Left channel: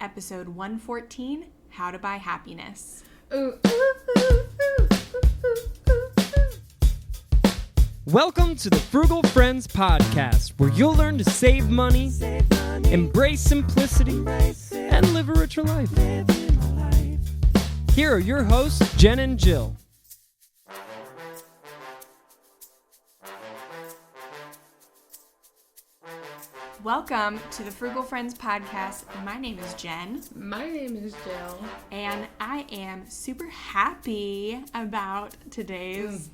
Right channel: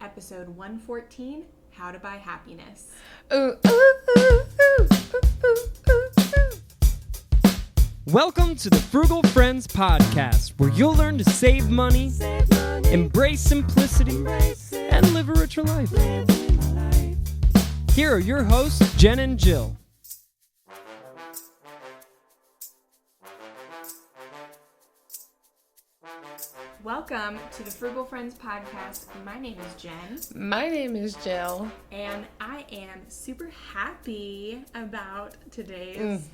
episode 114, How to Buy Happiness. Welcome to the Frugal Friends podcast, where you'll learn to save money, embrace simplicity, and live a richer life. Here are your hosts, Jen and Jill. Welcome to the Frugal Friends podcast. My name is Jen. My name is Jill. And I am super happy about today's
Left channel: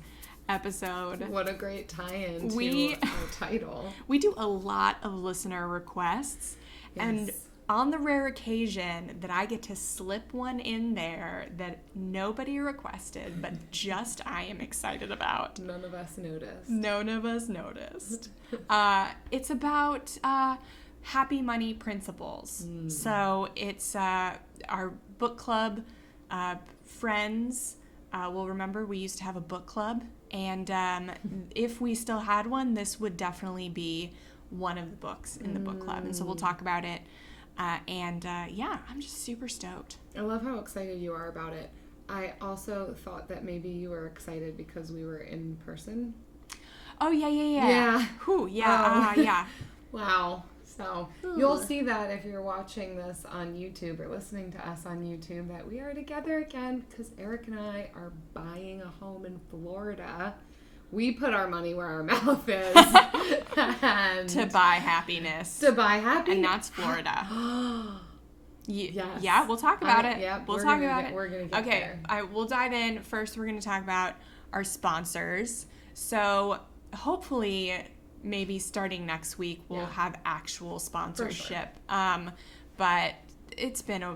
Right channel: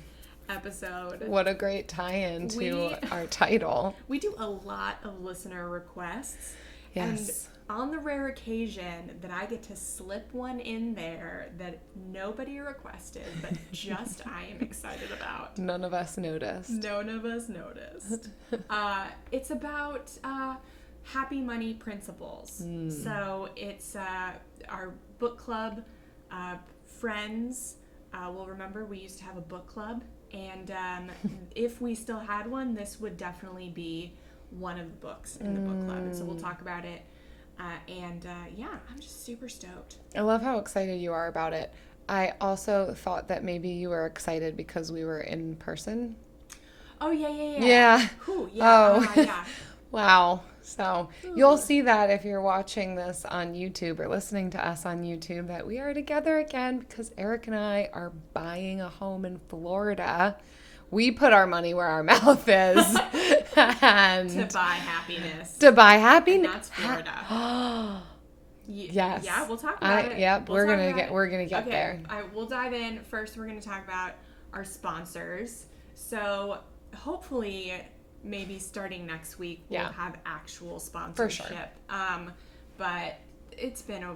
episode. What a great tie-in to our title. We do a lot of listener requests. Yes. And on the rare occasion that I get to slip one in there that nobody requested, but just I am excited about. None of us noticed. None of us noticed. It's about happy money principles. So it's our book club friends will remember we used to have a book club. And if we still had one, this would definitely be one of the books in the book club. And so we'll talk about it. Yeah, I'm just super stoked. I love how excited you are about it. I also thought that maybe you were excited because we were in person. Oh, yeah. Yeah. Whew, yeah, Oh. yeah. Wow. So you'll see that if you're watching this on YouTube or listening to us on YouTube, that we are together again because Eric and I are buying a home in Florida. We put our money where our mouth is. And To buy happiness. To buy happiness. And that's Florida. Yes. Yeah, we'll talk about it. Yep, we'll we're talk gonna about get it. we're gonna get okay, there. We'll dive in. First, we're going to talk about our sponsors. So hopefully, maybe starting next week, we'll have actual sponsorship. But it's been a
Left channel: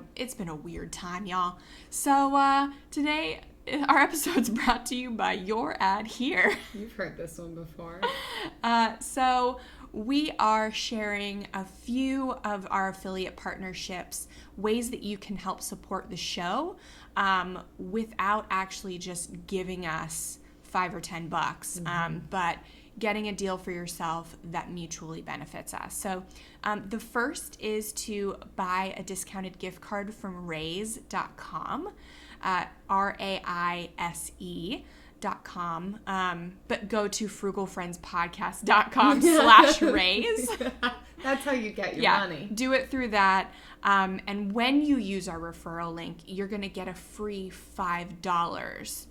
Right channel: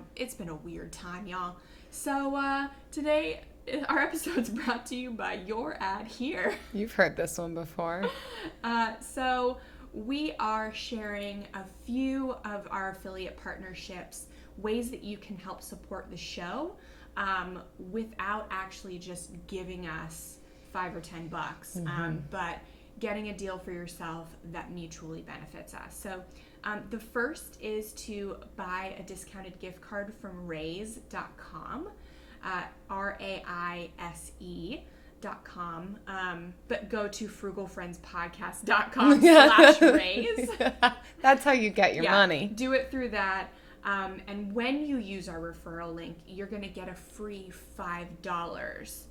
weird time, y'all. So today, our episode's brought to you by your ad here. You've heard this one before. So we are sharing a few of our affiliate partnerships, ways that you can help support the show without actually just giving us $5 or $10, but getting a deal for yourself that mutually benefits us. So the first is to buy a discounted gift card from raise.com. RAISE.com, but go to frugalfriendspodcast.com/raise. That's how you get your money. Do it through that. And when you use our referral link, you're going to get a free $5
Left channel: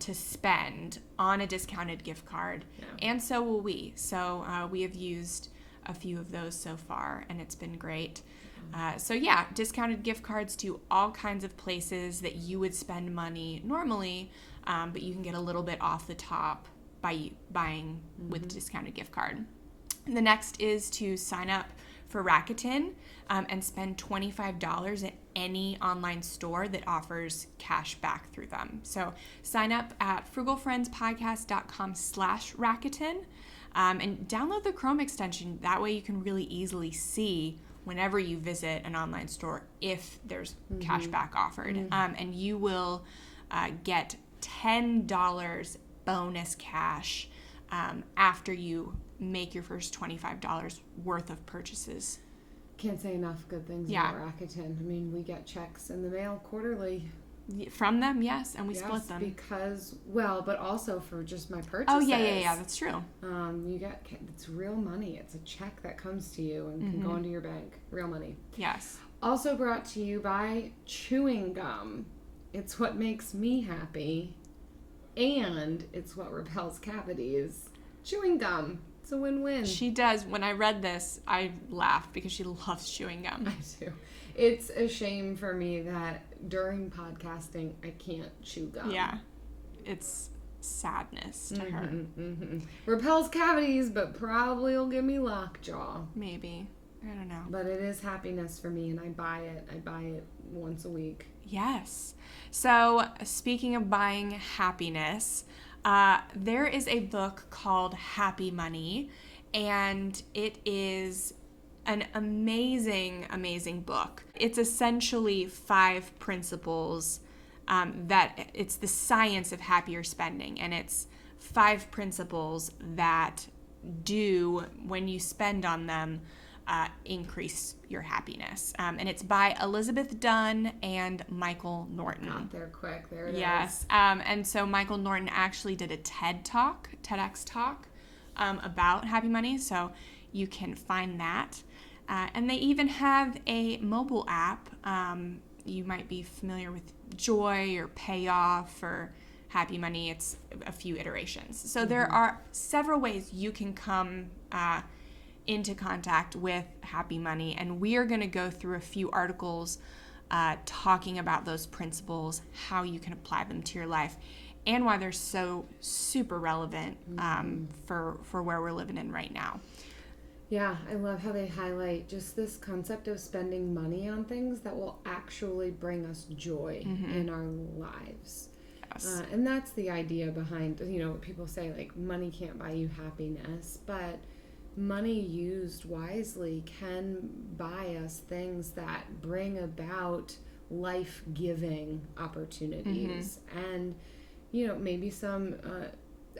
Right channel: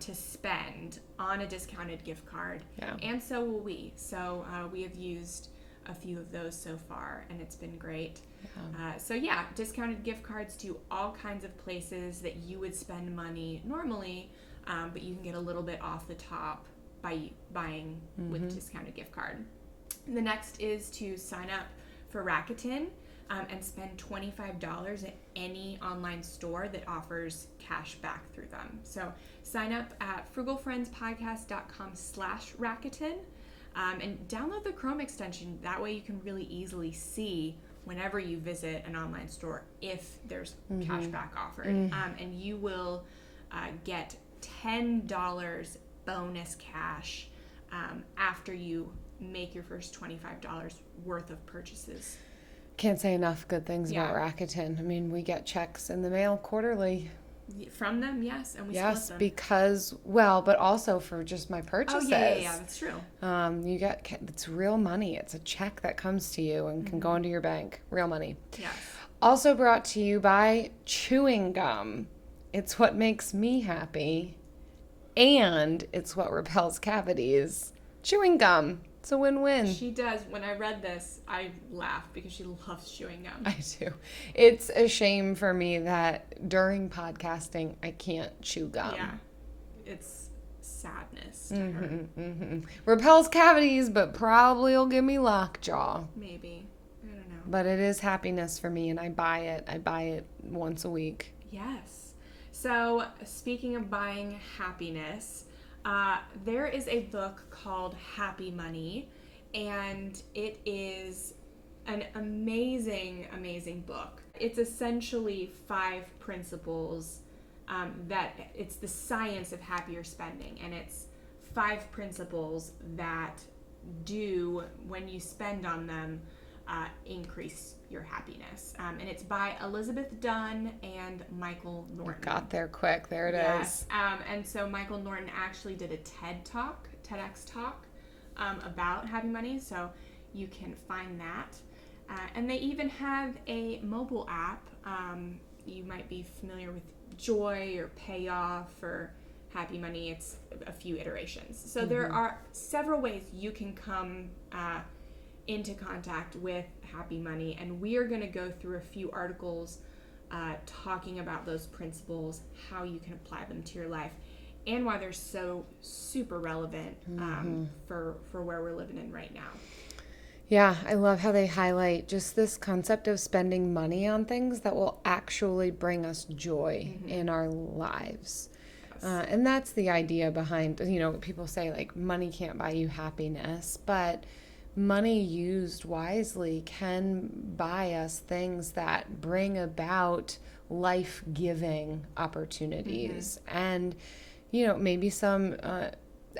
to spend on a discounted gift card. Yeah. And so will we. So we have used a few of those so far, and it's been great. Discounted gift cards to all kinds of places that you would spend money normally, but you can get a little bit off the top by buying with a discounted gift card. And the next is to sign up for Rakuten and spend $25 at any online store that offers cash back through them. So sign up at frugalfriendspodcast.com/Rakuten and download the Chrome extension. That way you can really easily see whenever you visit an online store if there's cash back offered. And you will get $10 bonus cash after you make your first $25 worth of purchases. Can't say enough good things about Rakuten. I mean, we get checks in the mail quarterly. From them, yes, and we split them. Because, but also for just my purchases. Oh, yeah, that's true. You get, it's real money. It's a check that comes to you and can go into your bank. Real money. Yes. Also brought to you by chewing gum. It's what makes me happy, and it's what repels cavities. Chewing gum. It's a win-win. She does. When I read this, I laughed because she loves chewing gum. I do. It's a shame for me that during podcasting, I can't chew gum. Yeah. It's sadness to her. Repels cavities, but probably will give me lockjaw. Maybe. I don't know. But it is happiness for me, and I buy it. I buy it once a week. Yes. So, speaking of buying happiness, there is a book called Happy Money, and it is an amazing, amazing book. It's essentially 5 principles that it's the science of happier spending, and it's 5 principles that do, when you spend on them, increase your happiness. And it's by Elizabeth Dunn and Michael Norton. Got there quick. There it is. Yes. And so Michael Norton actually did a TEDx talk about happy money. So you can find that. And they even have a mobile app. You might be familiar with Joy or Payoff or Happy Money. It's a few iterations. So there are several ways you can come into contact with happy money, and we are going to go through a few articles talking about those principles, how you can apply them to your life, and why they're so super relevant for where we're living in right now. Yeah, I love how they highlight just this concept of spending money on things that will actually bring us joy in our lives. Yes. And that's the idea behind, people say like money can't buy you happiness, but money used wisely can buy us things that bring about life-giving opportunities and, maybe some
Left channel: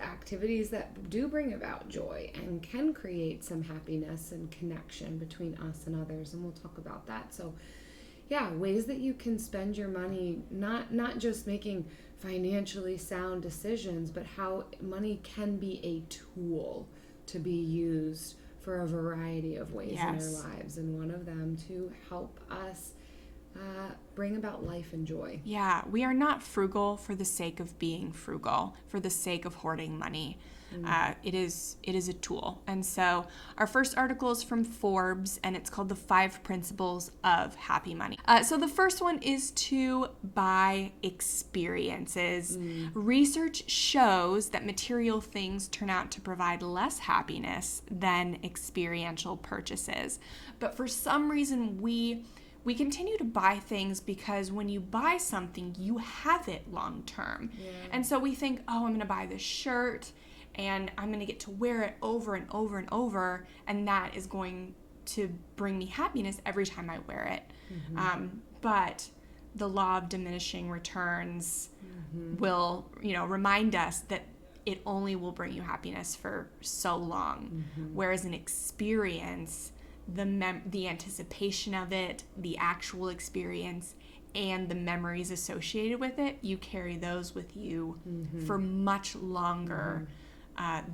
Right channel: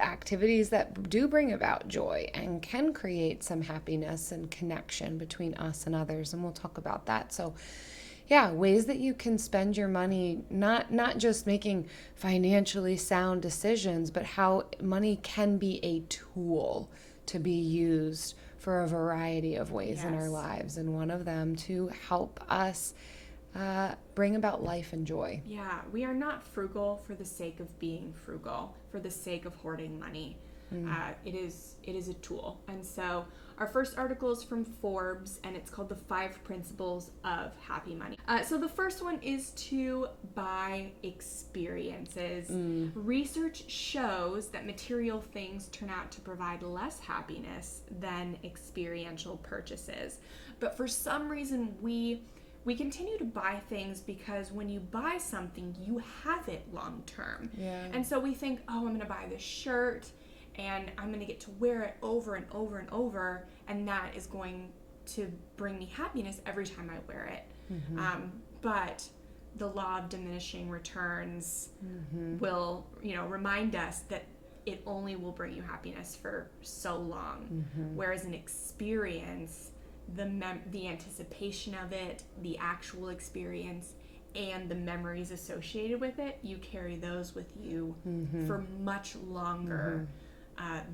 activities that do bring about joy and can create some happiness and connection between us and others. And we'll talk about that. So yeah, ways that you can spend your money, not just making financially sound decisions, but how money can be a tool to be used for a variety of ways in our lives, and one of them to help us bring about life and joy. Yeah, we are not frugal for the sake of being frugal, for the sake of hoarding money. It is a tool. And so our first article is from Forbes, and it's called The 5 Principles of Happy Money. So the first one is to buy experiences. Research shows that material things turn out to provide less happiness than experiential purchases. But for some reason, we continue to buy things because when you buy something, you have it long term. Yeah. And so we think, I'm going to buy this shirt and I'm going to get to wear it over and over and over, and that is going to bring me happiness every time I wear it. But the law of diminishing returns will, remind us that it only will bring you happiness for so long. Whereas an experience, the anticipation of it, the actual experience, and the memories associated with it, you carry those with you for much longer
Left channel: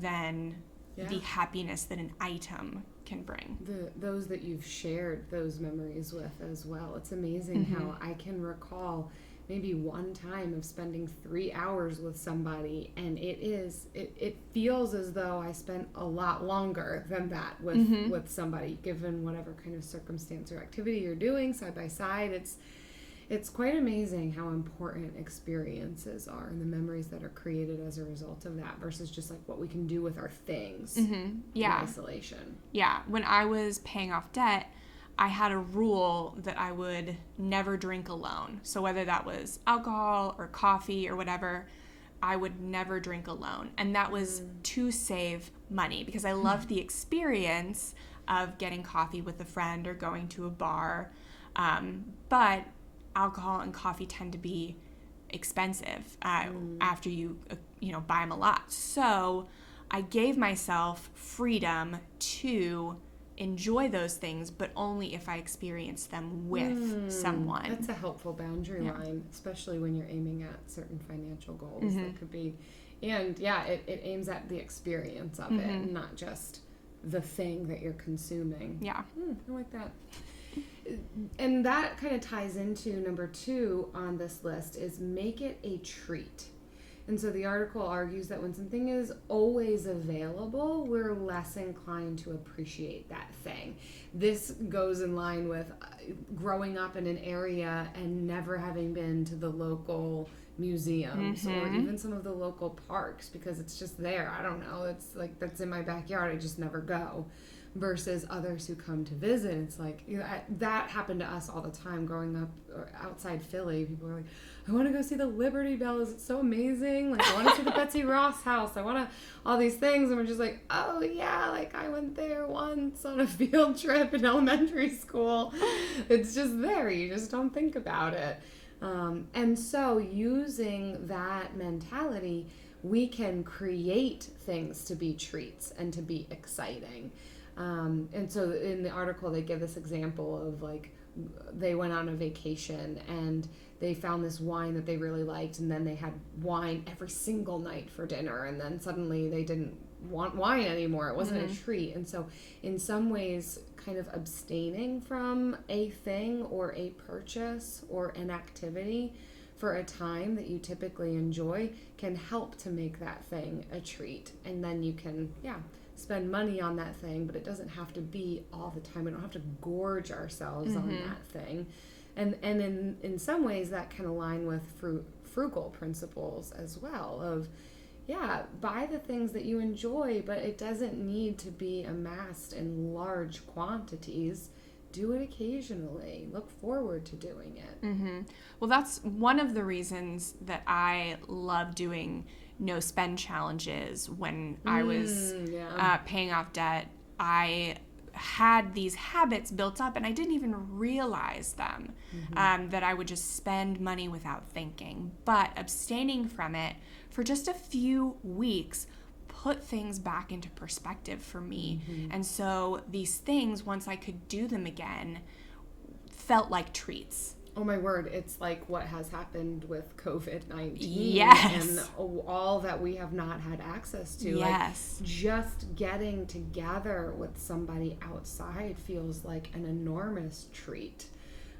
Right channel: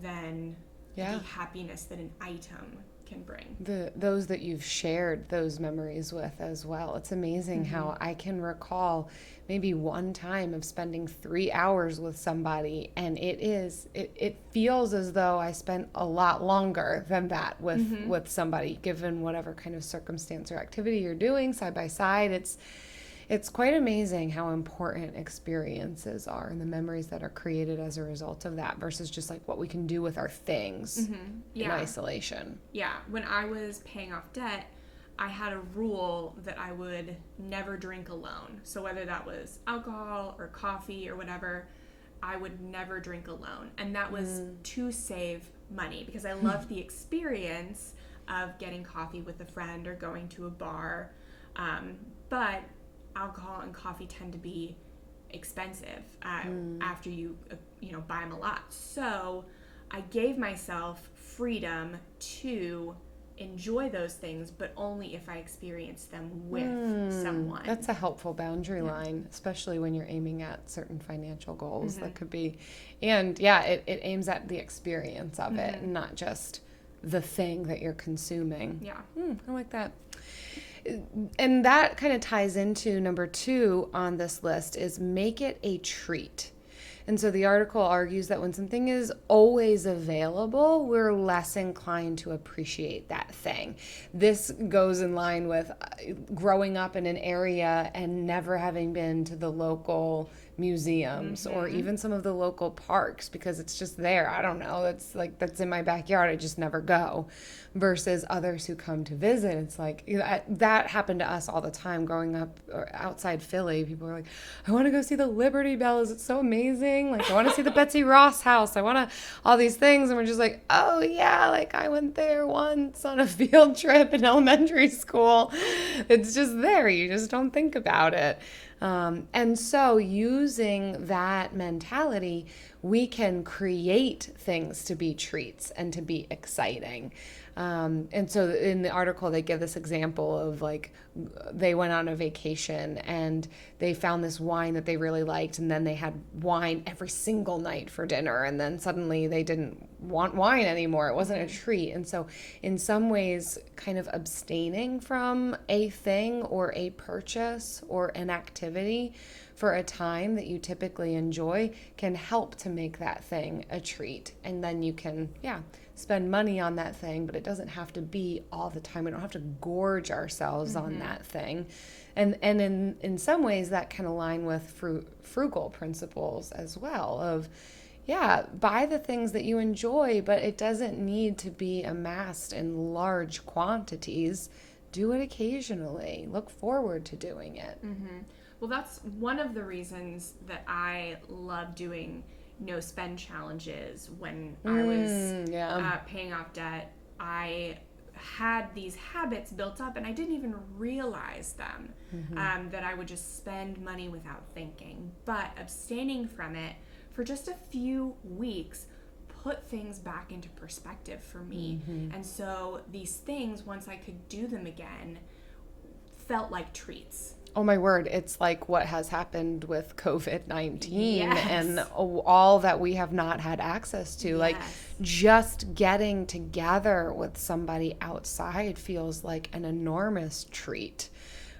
than the happiness that an item can bring. Those that you've shared those memories with as well. It's amazing how I can recall maybe one time of spending 3 hours with somebody, and it feels as though I spent a lot longer than that with somebody, given whatever kind of circumstance or activity you're doing side by side. It's quite amazing how important experiences are and the memories that are created as a result of that versus just like what we can do with our things in isolation. Yeah, when I was paying off debt, I had a rule that I would never drink alone. So whether that was alcohol or coffee or whatever, I would never drink alone. And that was to save money because I loved the experience of getting coffee with a friend or going to a bar. But alcohol and coffee tend to be expensive after you buy them a lot. So I gave myself freedom to enjoy those things, but only if I experience them with someone. That's a helpful boundary line, especially when you're aiming at certain financial goals. That could be, and it aims at the experience of it, not just the thing that you're consuming. Yeah. I like that. And that kind of ties into number 2 on this list is make it a treat. And so the article argues that when something is always available, we're less inclined to appreciate that thing. This goes in line with growing up in an area and never having been to the local museums or even some of the local parks because it's just there. I don't know. That's in my backyard. I just never go. Versus others who come to visit. It's like, that happened to us all the time growing up outside Philly. People were like, I want to go see the Liberty Bells. It's so amazing. Like, I want to see the Betsy Ross house. I want to, all these things. And we're just like, oh yeah, like I went there once on a field trip in elementary school. It's just there. You just don't think about it. And so using that mentality, we can create things to be treats and to be exciting. And so in the article, they give this example of like they went on a vacation and they found this wine that they really liked, and then they had wine every single night for dinner, and then suddenly they didn't want wine anymore. It wasn't a treat. And so in some ways, kind of abstaining from a thing or a purchase or an activity for a time that you typically enjoy can help to make that thing a treat. And then you can, spend money on that thing, but it doesn't have to be all the time. We don't have to gorge ourselves on that thing. And in some ways that can align with frugal principles as well of, buy the things that you enjoy, but it doesn't need to be amassed in large quantities. Do it occasionally. Look forward to doing it. Well, that's one of the reasons that I love doing no spend challenges. When I was paying off debt, I had these habits built up and I didn't even realize them, that I would just spend money without thinking. But abstaining from it for just a few weeks put things back into perspective for me. And so these things, once I could do them again, felt like treats. Oh my word, it's like what has happened with COVID-19 Yes. and all that we have not had access to. Yes. Like just getting together with somebody outside feels like an enormous treat.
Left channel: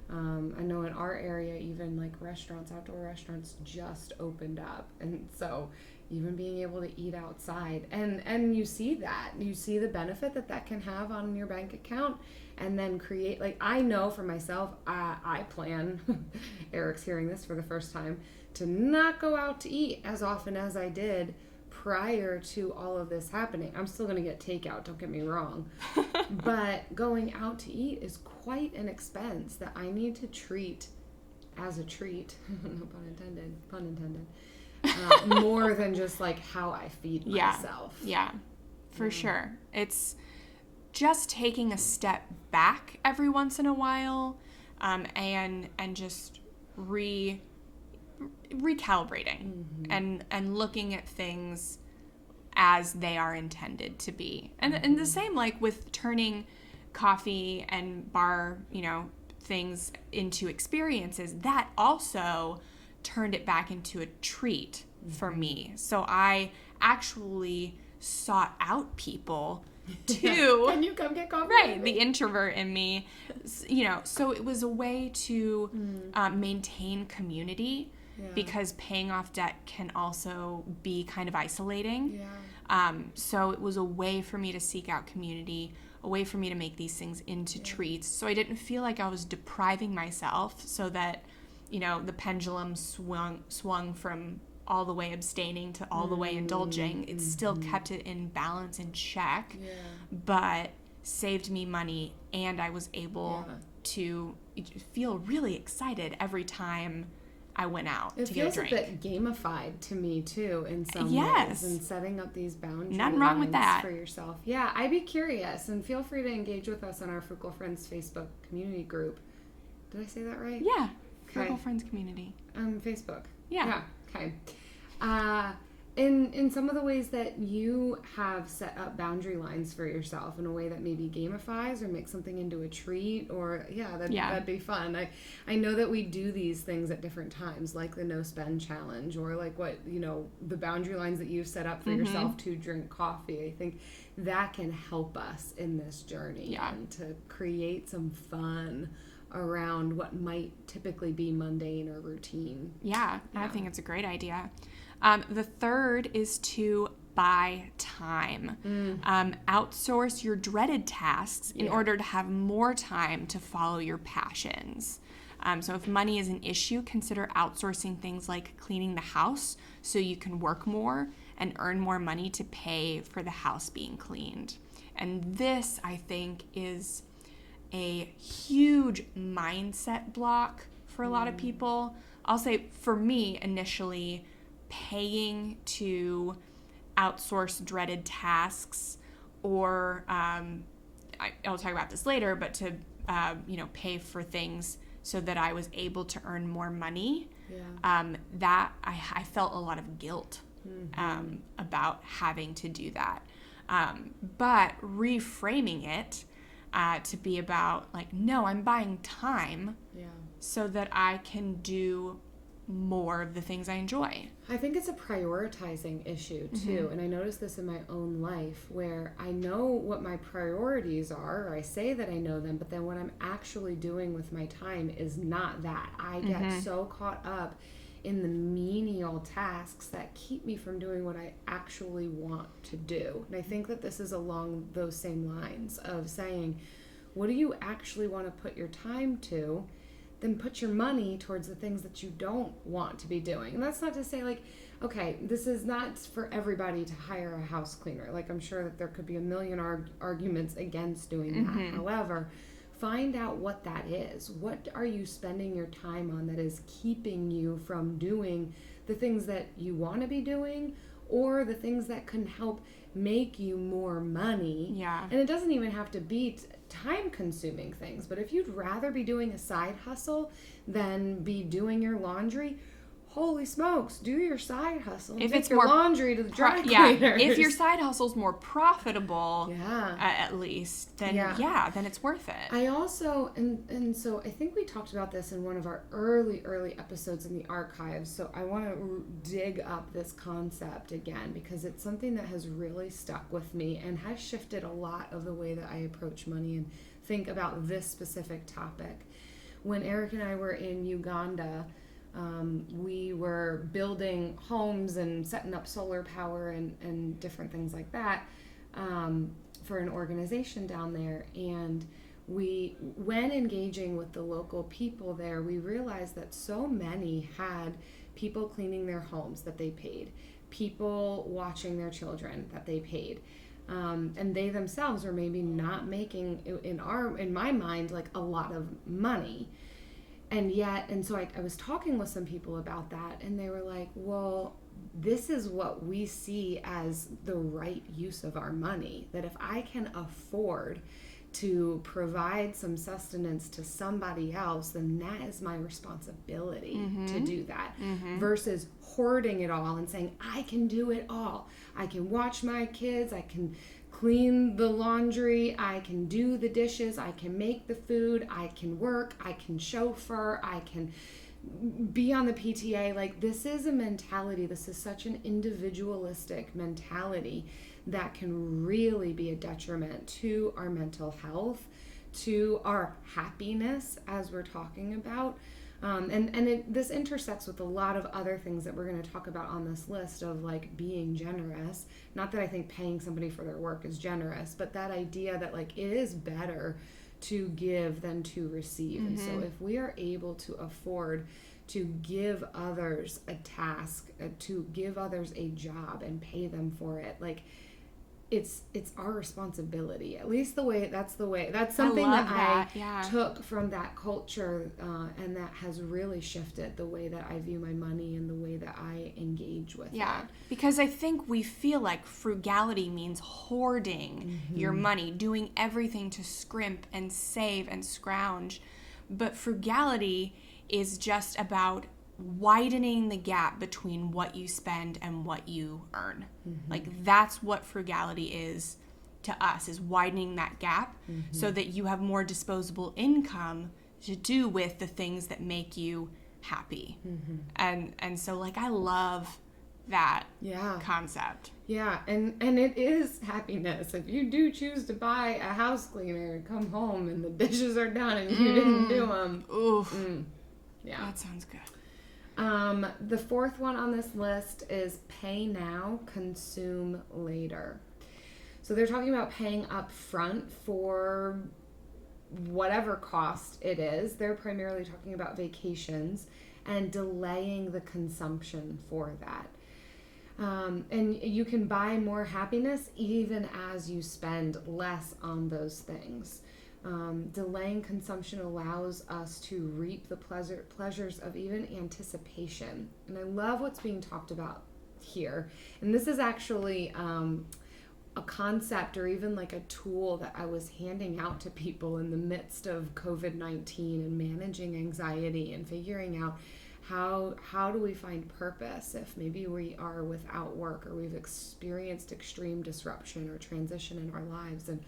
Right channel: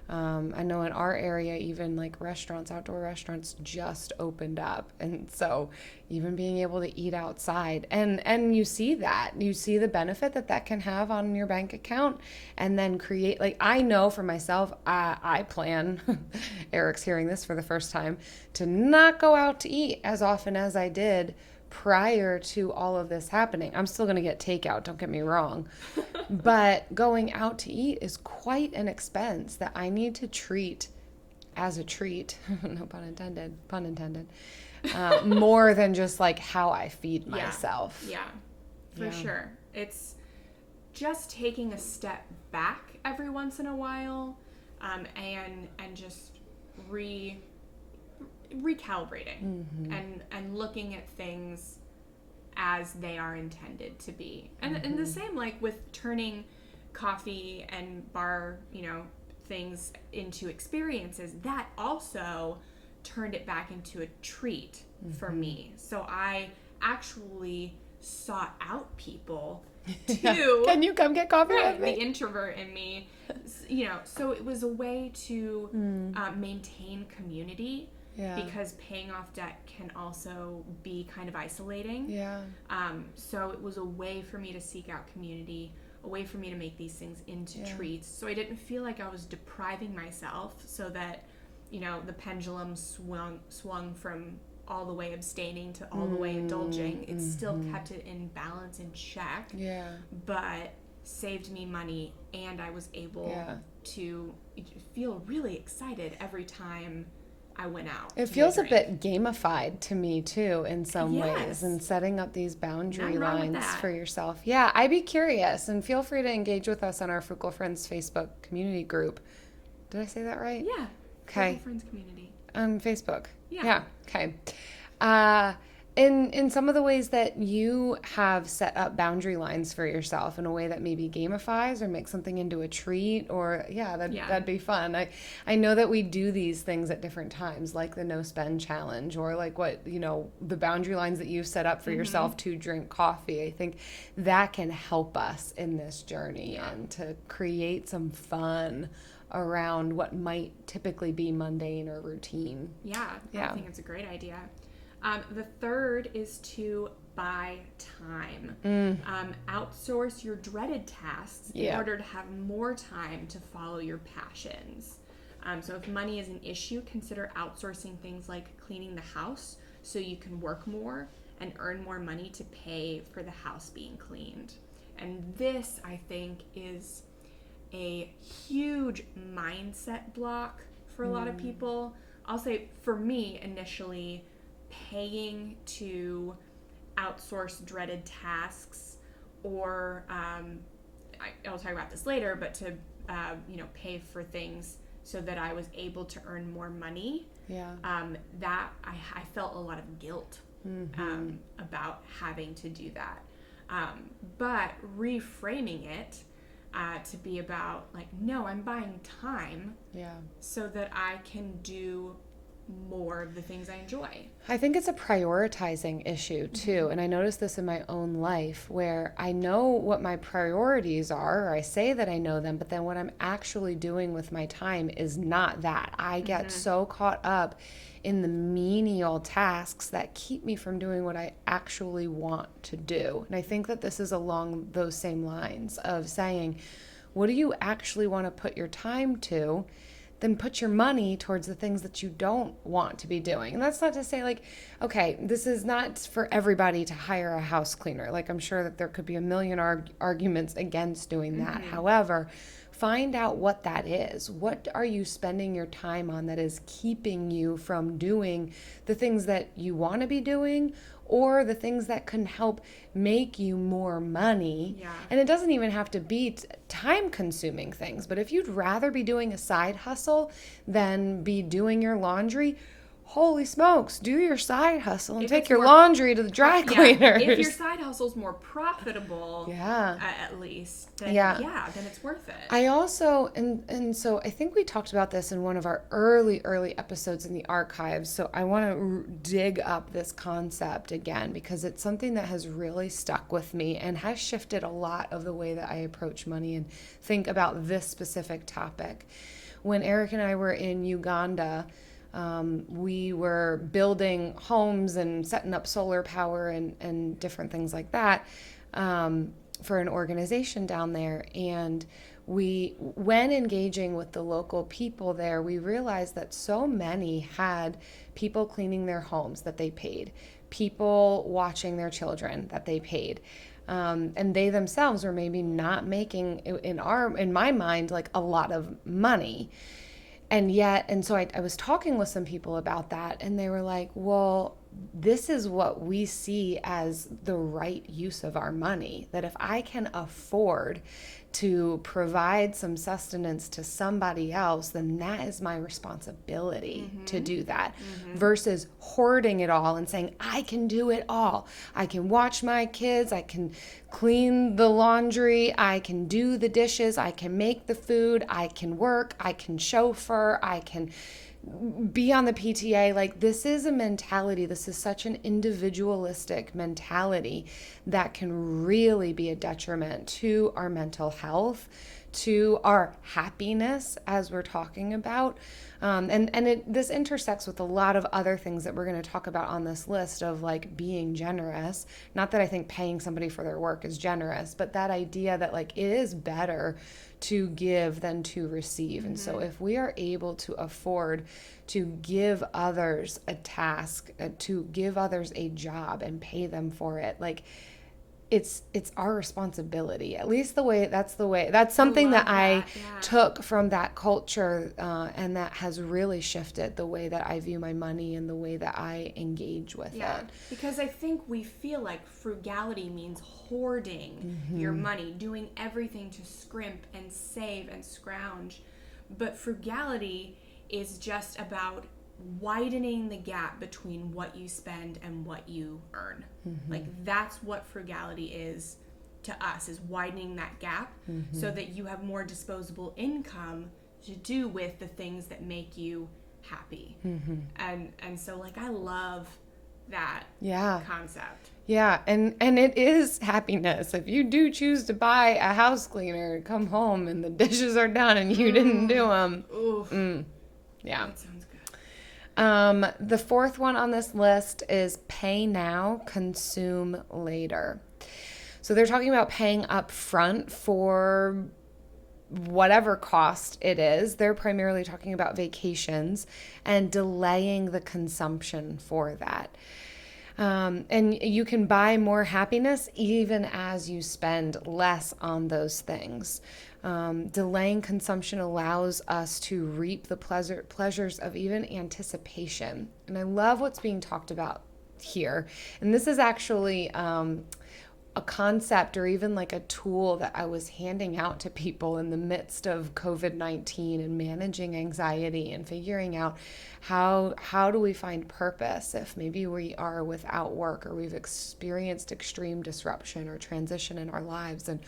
I know in our area, even like restaurants, outdoor restaurants just opened up. And so even being able to eat outside and you see the benefit that can have on your bank account, and then create, like, I know for myself, I plan, Eric's hearing this for the first time, to not go out to eat as often as I did prior to all of this happening. I'm still going to get takeout, don't get me wrong. But going out to eat is quite an expense that I need to treat as a treat. No pun intended. More than just like how I feed myself. Yeah, for sure. It's just taking a step back every once in a while, and just recalibrating and looking at things as they are intended to be. And the same like with turning coffee and bar, things into experiences, that also turned it back into a treat for me. So I actually sought out people to Can you come get coffee? Right, the introvert in me, so it was a way to maintain community. Because paying off debt can also be kind of isolating. So it was a way for me to seek out community, a way for me to make these things into treats. So I didn't feel like I was depriving myself, so that, the pendulum swung from all the way abstaining to all the way indulging. It still kept it in balance and check, but saved me money, and I was able to feel really excited every time I went out. It feels a bit gamified to me too, in some ways, and setting up these boundary lines for yourself. Yeah, I'd be curious, and feel free to engage with us on our Frugal Friends Facebook community group. Did I say that right? Yeah. Okay. Frugal Friends community. On Facebook. Yeah. Okay. In some of the ways that you have set up boundary lines for yourself in a way that maybe gamifies or makes something into a treat, or that'd be fun. I know that we do these things at different times, like the no spend challenge, or like what the boundary lines that you've set up for yourself to drink coffee. I think that can help us in this journey and to create some fun around what might typically be mundane or routine. I think it's a great idea. The third is to buy time. Outsource your dreaded tasks in order to have more time to follow your passions. So if money is an issue, consider outsourcing things like cleaning the house so you can work more and earn more money to pay for the house being cleaned. And this, I think, is a huge mindset block for a lot of people. I'll say for me, initially, paying to outsource dreaded tasks, or I'll talk about this later, but to pay for things so that I was able to earn more money. That I felt a lot of guilt about having to do that. But reframing it to be about like, no, I'm buying time so that I can do more of the things I enjoy. I think it's a prioritizing issue too. And I notice this in my own life where I know what my priorities are, or I say that I know them, but then what I'm actually doing with my time is not that. I get so caught up in the menial tasks that keep me from doing what I actually want to do. And I think that this is along those same lines of saying, what do you actually want to put your time to? Then put your money towards the things that you don't want to be doing. And that's not to say like, okay, this is not for everybody to hire a house cleaner. Like I'm sure that there could be a million arguments against doing that. However, find out what that is. What are you spending your time on that is keeping you from doing the things that you want to be doing, or the things that can help make you more money. And it doesn't even have to be time-consuming things, but if you'd rather be doing a side hustle than be doing your laundry, holy smokes, do your side hustle and take your laundry to the dry cleaners. If your side hustle's more profitable, at least, then then it's worth it. I also, and so I think we talked about this in one of our early episodes in the archives, so I want to dig up this concept again because it's something that has really stuck with me and has shifted a lot of the way that I approach money and think about this specific topic. When Eric and I were in Uganda, we were building homes and setting up solar power and different things like that for an organization down there. And when engaging with the local people there, we realized that so many had people cleaning their homes that they paid, people watching their children that they paid. And they themselves were maybe not making, in my mind, like a lot of money. And so I was talking with some people about that, and they were like, well, this is what we see as the right use of our money, that if I can afford to provide some sustenance to somebody else, then that is my responsibility to do that, versus hoarding it all and saying, I can do it all. I can watch my kids, I can clean the laundry, I can do the dishes, I can make the food, I can work, I can chauffeur, I can be on the PTA. Like, this is a mentality, this is such an individualistic mentality that can really be a detriment to our mental health, to our happiness, as we're talking about. This intersects with a lot of other things that we're going to talk about on this list of like being generous. Not that I think paying somebody for their work is generous, but that idea that like it is better to give than to receive. And so if we are able to afford to give others a task, to give others a job and pay them for it, like it's our responsibility. At least that's something that I took from that culture, and that has really shifted the way that I view my money and the way that I engage with it. Because I think we feel like frugality means hoarding your money, doing everything to scrimp and save and scrounge. But frugality is just about widening the gap between what you spend and what you earn. Like, that's what frugality is to us, is widening that gap so that you have more disposable income to do with the things that make you happy. And so like I love that concept. And it is happiness. If you do choose to buy a house cleaner and come home and the dishes are done and you didn't do them. That sounds good. The fourth one on this list is pay now, consume later. So they're talking about paying up front for whatever cost it is. They're primarily talking about vacations and delaying the consumption for that. And you can buy more happiness even as you spend less on those things. Delaying consumption allows us to reap the pleasures of even anticipation. And I love what's being talked about here. And this is actually a concept or even like a tool that I was handing out to people in the midst of COVID-19 and managing anxiety and figuring out how do we find purpose if maybe we are without work or we've experienced extreme disruption or transition in our lives. And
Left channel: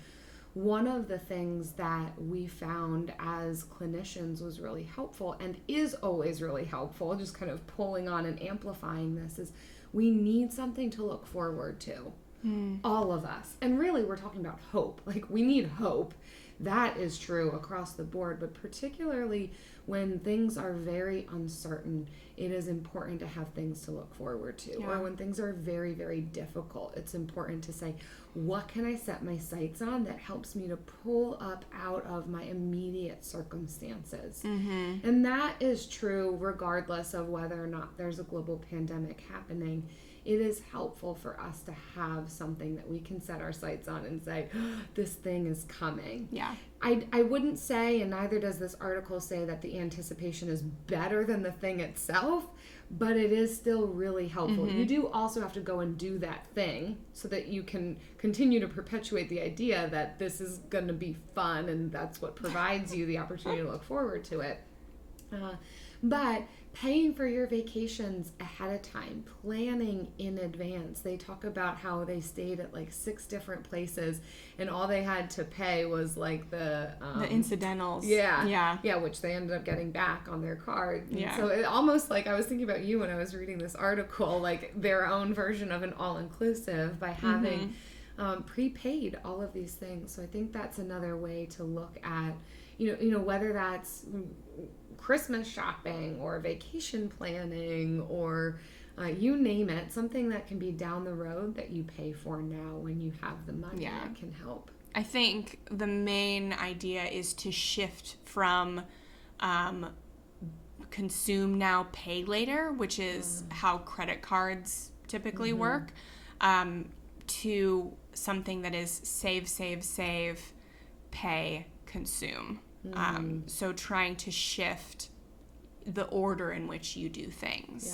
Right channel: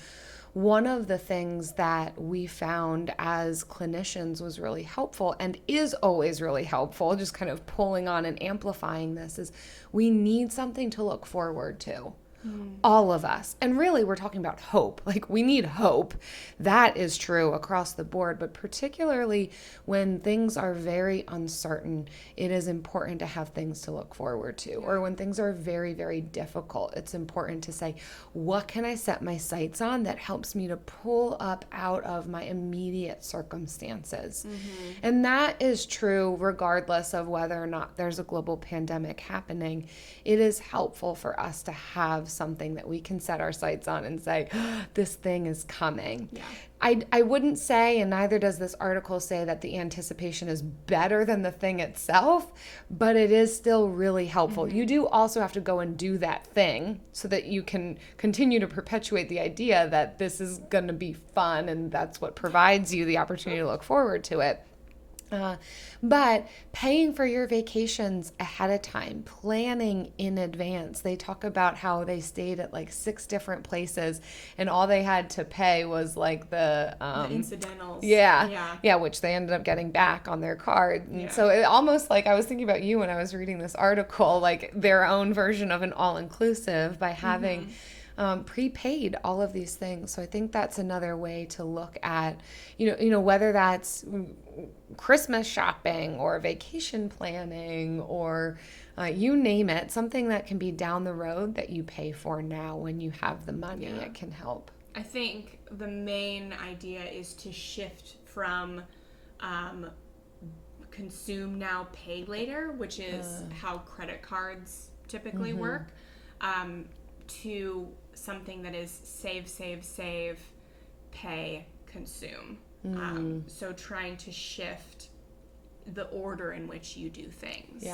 one of the things that we found as clinicians was really helpful and is always really helpful, just kind of pulling on and amplifying this, is we need something to look forward to. All of us. And really, we're talking about hope. Like, we need hope. That is true across the board, but particularly when things are very uncertain, it is important to have things to look forward to. Or when things are very, very difficult, it's important to say, what can I set my sights on that helps me to pull up out of my immediate circumstances? And that is true regardless of whether or not there's a global pandemic happening. It is helpful for us to have something that we can set our sights on and say, this thing is coming. Yeah. I wouldn't say, and neither does this article say, that the anticipation is better than the thing itself, but it is still really helpful. You do also have to go and do that thing so that you can continue to perpetuate the idea that this is going to be fun, and that's what provides you the opportunity to look forward to it. But paying for your vacations ahead of time, planning in advance. They talk about how they stayed at like 6 different places and all they had to pay was like the incidentals. Yeah, which they ended up getting back on their card. Yeah. So it almost like, I was thinking about you when I was reading this article, like their own version of an all-inclusive by having prepaid all of these things. So I think that's another way to look at, you know, whether that's Christmas shopping or vacation planning or you name it, something that can be down the road that you pay for now when you have the money. It can help. I think the main idea is to shift from consume now, pay later, which is how credit cards typically work, to something that is save, pay, consume. So trying to shift the order in which you do things.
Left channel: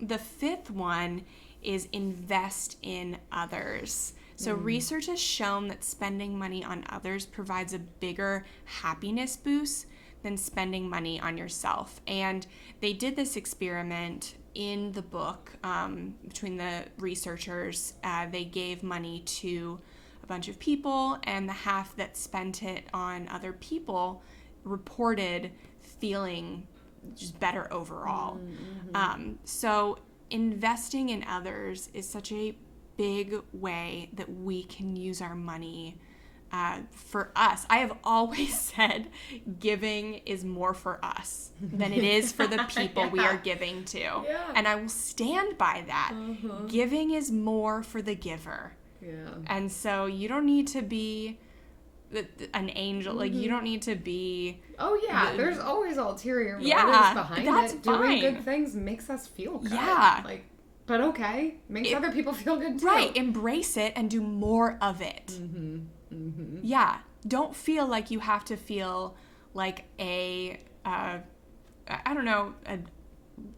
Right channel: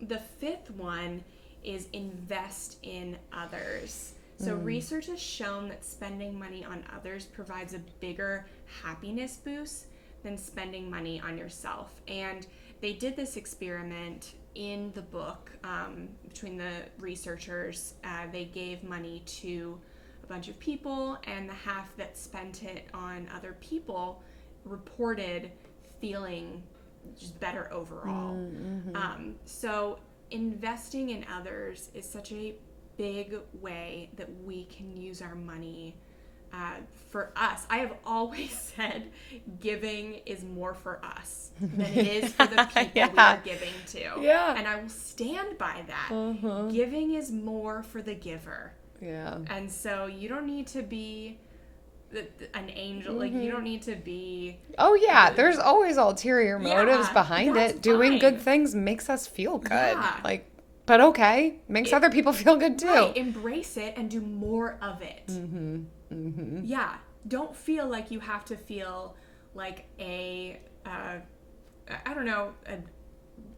The 5th one is invest in others. So research has shown that spending money on others provides a bigger happiness boost than spending money on yourself. And they did this experiment in the book between the researchers. They gave money to a bunch of people, and the half that spent it on other people reported feeling just better overall. So investing in others is such a big way that we can use our money for us. I have always said giving is more for us than it is for the people we are giving to. And I will stand by that. Giving is more for the giver. And so you don't need to be an angel. Like, you don't need to be... there's always ulterior motives behind it. Doing good things makes us feel good. But okay, makes other people feel good too. Right, embrace it and do more of it. Don't feel like you have to feel like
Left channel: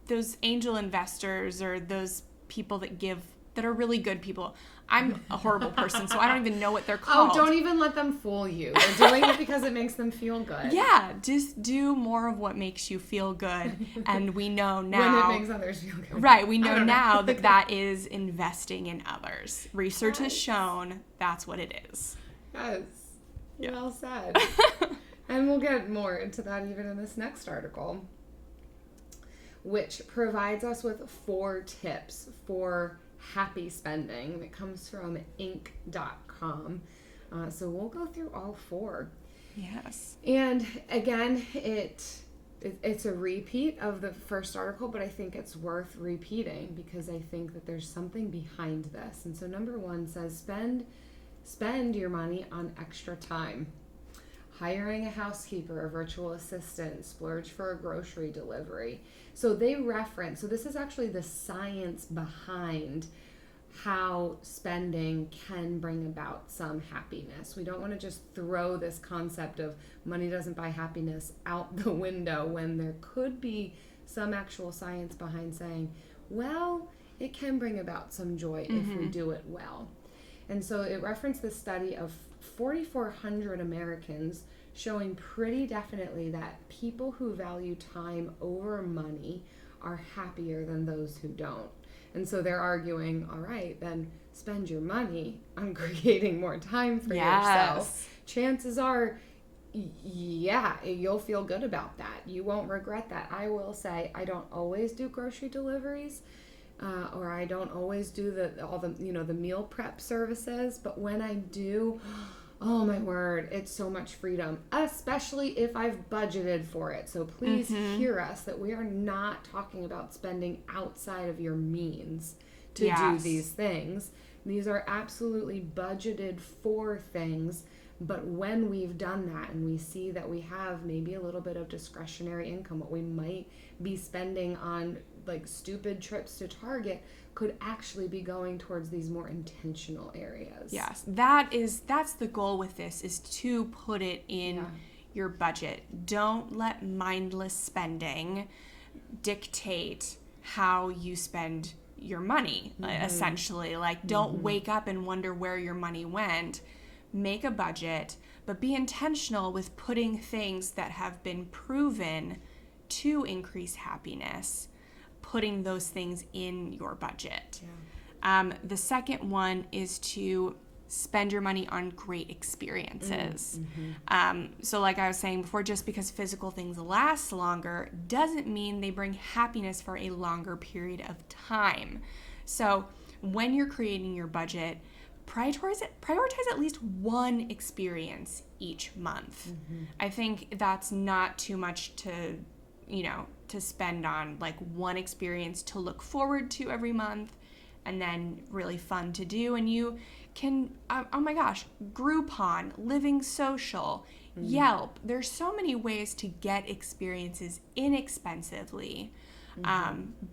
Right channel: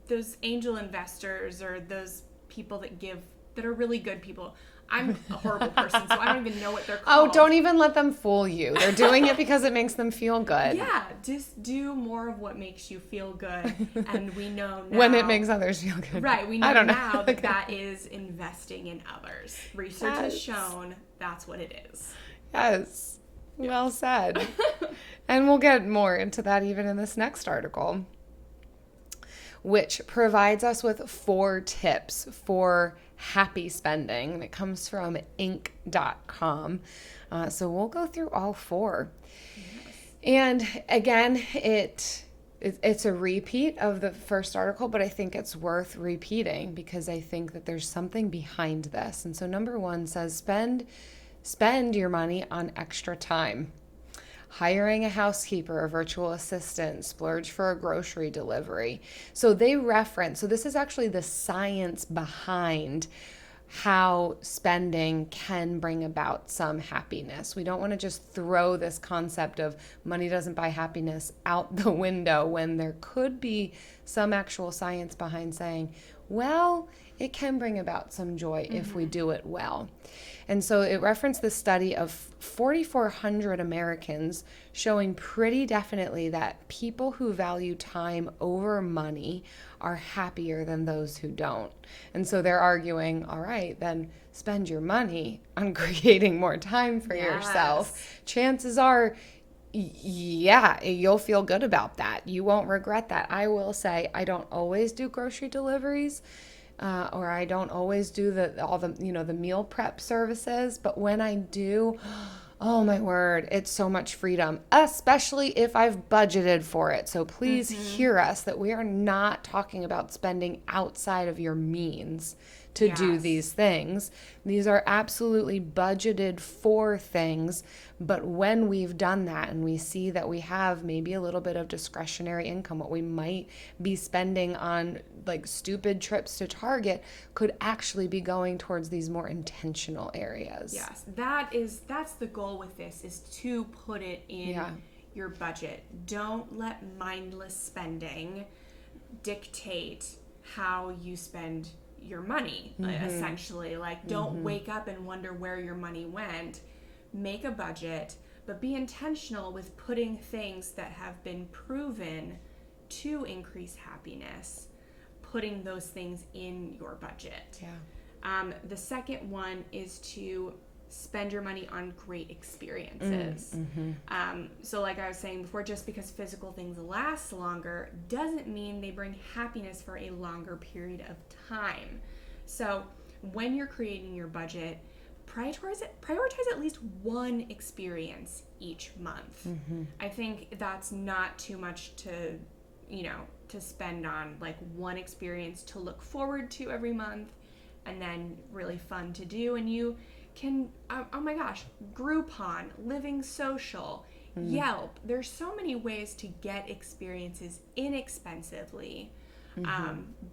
those angel investors or those people that give, that are really good people. I'm a horrible person, so I don't even know what they're called. Oh, don't even let them fool you. They're doing it because it makes them feel good. Just do more of what makes you feel good. And we know now... when it makes others feel good. Right, we know now that that is investing in others. Research has shown that's what it is. Yes. Well said. And we'll get more into that even in this next article, which provides us with 4 tips for happy spending, and it comes from Inc.com. So we'll go through all 4. And again, it's a repeat of the first article, but I think it's worth repeating because I think that there's something behind this. And so number 1 says spend your money on extra time. Hiring a housekeeper, a virtual assistant, splurge for a grocery delivery. So they reference, so this is actually the science behind how spending can bring about some happiness. We don't want to just throw this concept of money doesn't buy happiness out the window when there could be some actual science behind saying, well, it can bring about some joy if we do it well. And so it referenced the study of 4,400 Americans showing pretty definitely that people who value time over money are happier than those who don't. And so they're arguing, all right, then spend your money on creating more time for yourself. Chances are, yeah, you'll feel good about that. You won't regret that. I will say I don't always do grocery deliveries. Or I don't always do the meal prep services, but when I do, oh my word, it's so much freedom, especially if I've budgeted for it. So please hear us that we are not talking about spending outside of your means to do these things. These are absolutely budgeted for things. But when we've done that and we see that we have maybe a little bit of discretionary income, what we might be spending on like stupid trips to Target could actually be going towards these more intentional areas. Yes, that's the goal with this, is to put it in your budget. Don't let mindless spending dictate how you spend your money, essentially. Like, don't wake up and wonder where your money went. Make a budget, but be intentional with putting things that have been proven to increase happiness, putting those things in your budget. The second one is to spend your money on great experiences. So like I was saying before, just because physical things last longer doesn't mean they bring happiness for a longer period of time. So when you're creating your budget, prioritize at least one experience each month. I think that's not too much to spend on, like one experience to look forward to every month and then really fun to do. And you can, oh my gosh, Groupon, Living Social, Yelp. There's so many ways to get experiences inexpensively,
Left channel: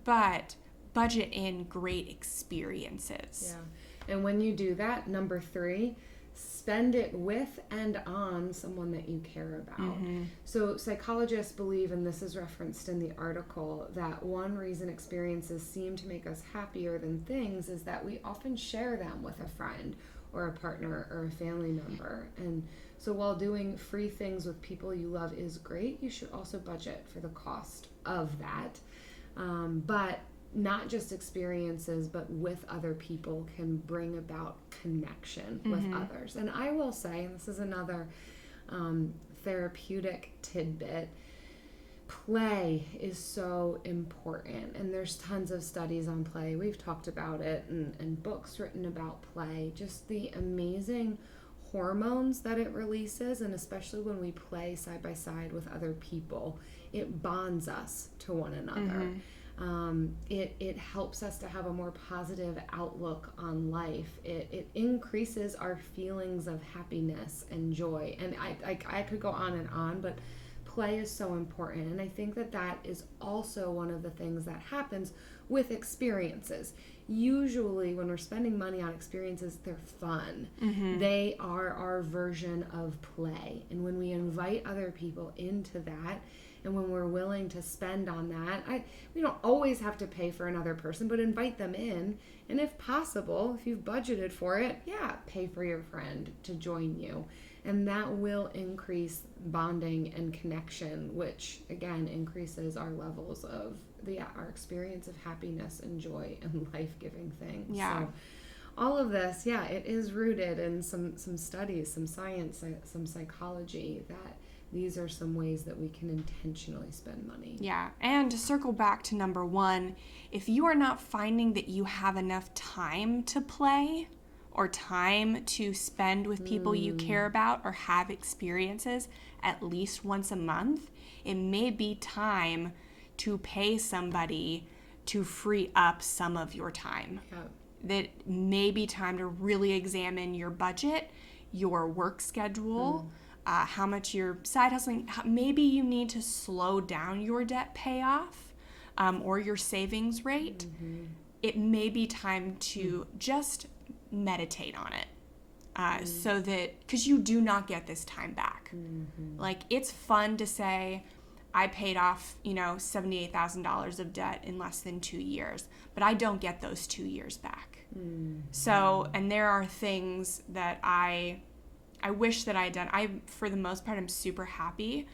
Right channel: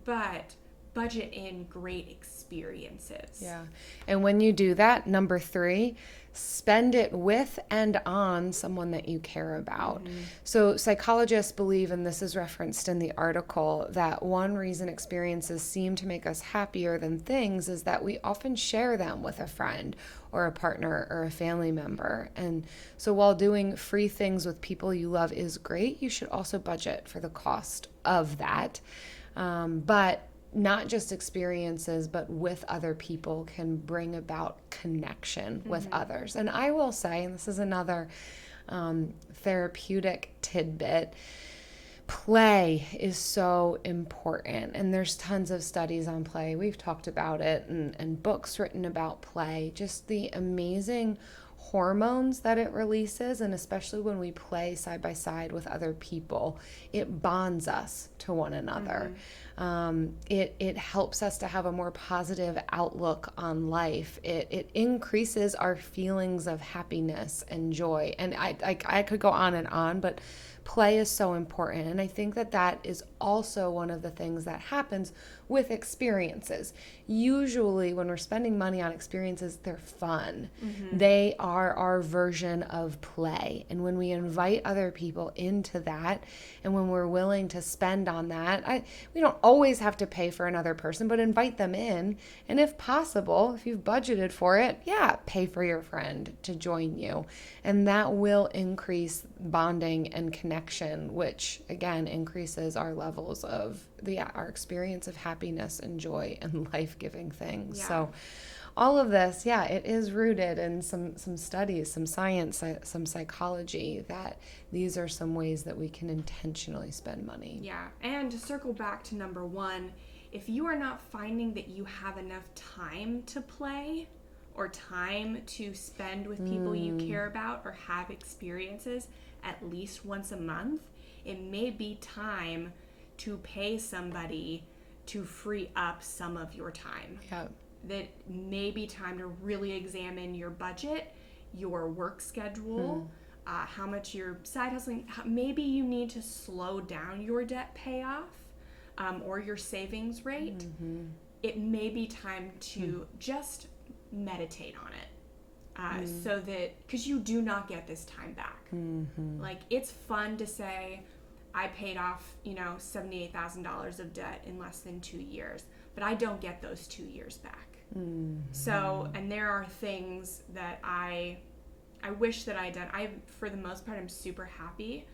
but budget in great experiences. Yeah. And when you do that, number 3, spend it with and on someone that you care about. So psychologists believe, and this is referenced in the article, that one reason experiences seem to make us happier than things is that we often share them with a friend or a partner or a family member. And so while doing free things with people you love is great, you should also budget for the cost of that. But not just experiences, but with other people can bring about connection with others. And I will say, and this is another therapeutic tidbit, play is so important. And there's tons of studies on play. We've talked about it and books written about play, just the amazing hormones that it releases. And especially when we play side by side with other people, it bonds us to one another. It helps us to have a more positive outlook on life. It increases our feelings of happiness and joy. And I could go on, but play is so important. And I think that is also one of the things that happens with experiences. Usually when we're spending money on experiences, they're fun. They are our version of play. And when we invite other people into that, and when we're willing to spend on that, we don't always have to pay for another person, but invite them in. And if possible, if you've budgeted for it, pay for your friend to join you. And that will increase bonding and connection, which again increases our levels of our experience of happiness and joy and life-giving things. So all of this, it is rooted in some studies, some science, some psychology, that these are some ways that we can intentionally spend money. Yeah, and to circle back to number 1, if you are not finding that you have enough time to play or time to spend with people you care about or have experiences at least once a month, it may be time to pay somebody to free up some of your time. That may be time to really examine your budget, your work schedule, how much you're side hustling. Maybe you need to slow down your debt payoff or your savings rate. It may be time to just meditate on it. So that, because you do not get this time back. Like, it's fun to say, I paid off, $78,000 of debt in less than 2 years, but I don't get those 2 years back. Mm-hmm. So, and there are things that I wish that I had done. For the most part, I'm super happy,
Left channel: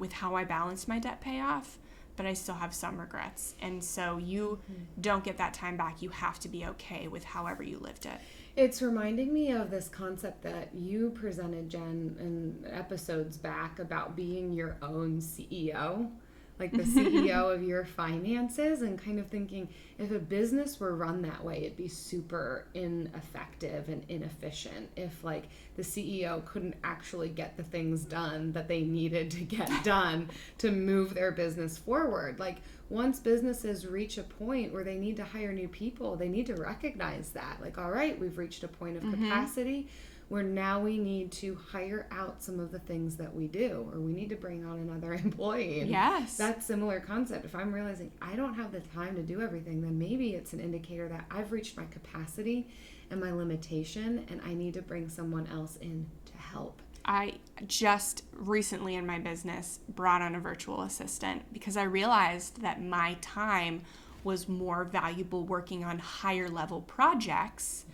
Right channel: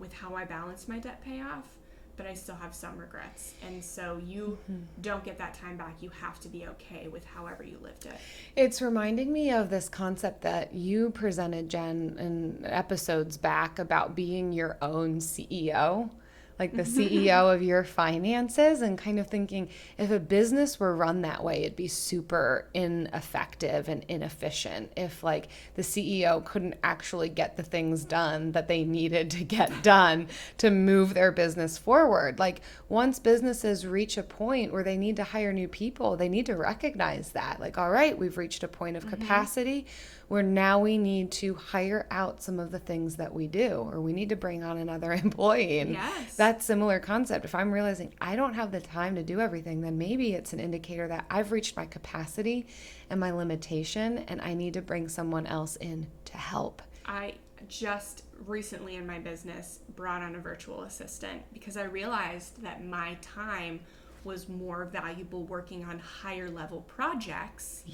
with how I balanced my debt payoff, but I still have some regrets. And so you don't get that time back. You have to be okay with however you lived it. It's reminding me of this concept that you presented, Jen, in episodes back about being your own CEO, like the CEO of your finances, and kind of thinking if a business were run that way, it'd be super ineffective and inefficient if like the CEO couldn't actually get the things done that they needed to get done to move their business forward. Like once businesses reach a point where they need to hire new people, they need to recognize that. Like, all right, we've reached a point of capacity where now we need to hire out some of the things that we do, or we need to bring on another employee. And that similar concept. If I'm realizing I don't have the time to do everything, then maybe it's an indicator that I've reached my capacity and my limitation, and I need to bring someone else in to help. I just recently in my business brought on a virtual assistant because I realized that my time was more valuable working on higher level projects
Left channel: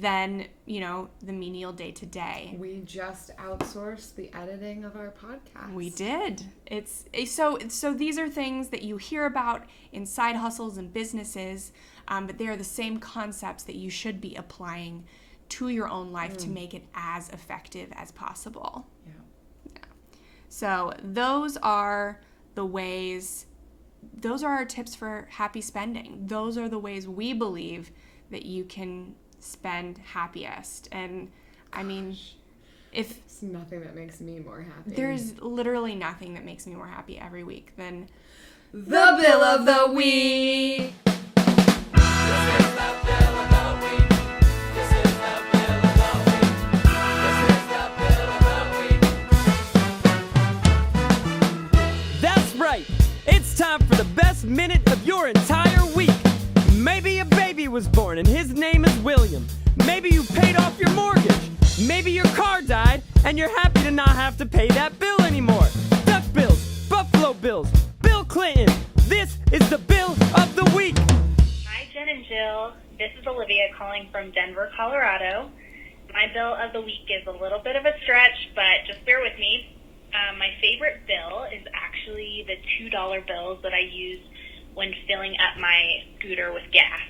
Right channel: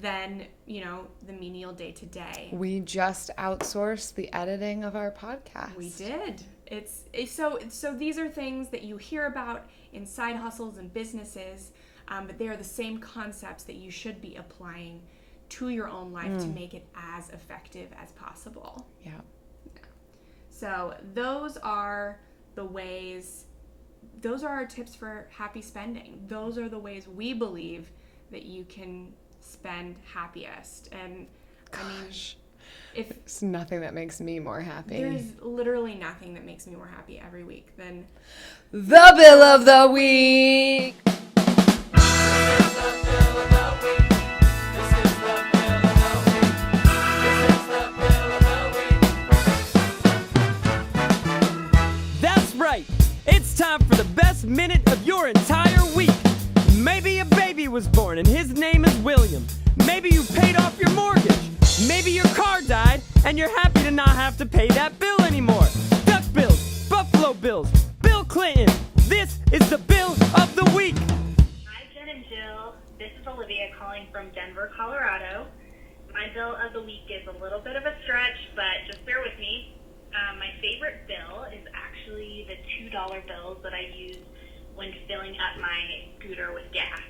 than, the menial day to day. We just outsourced the editing of our podcast. We did. It's so these are things that you hear about in side hustles and businesses, but they are the same concepts that you should be applying to your own life to make it as effective as possible. Yeah. So those are the ways. Those are our tips for happy spending. Those are the ways we believe that you can spend happiest. And I mean, if it's nothing that makes me more happy. There's literally nothing that makes me more happy every week than the bill of the week. That's right. It's time for the best minute of your entire week. Maybe a baby was born and his name is William. Maybe you paid off your mortgage. Maybe your car died and you're happy to not have to pay that bill anymore. Duck bills, Buffalo Bills, Bill Clinton. This is the bill of the week. Hi, Jen and Jill. This is Olivia calling from Denver, Colorado. My bill of the week is a little bit of a stretch, but just bear with me. My favorite bill is actually the $2 bills that I use when filling up my scooter with gas.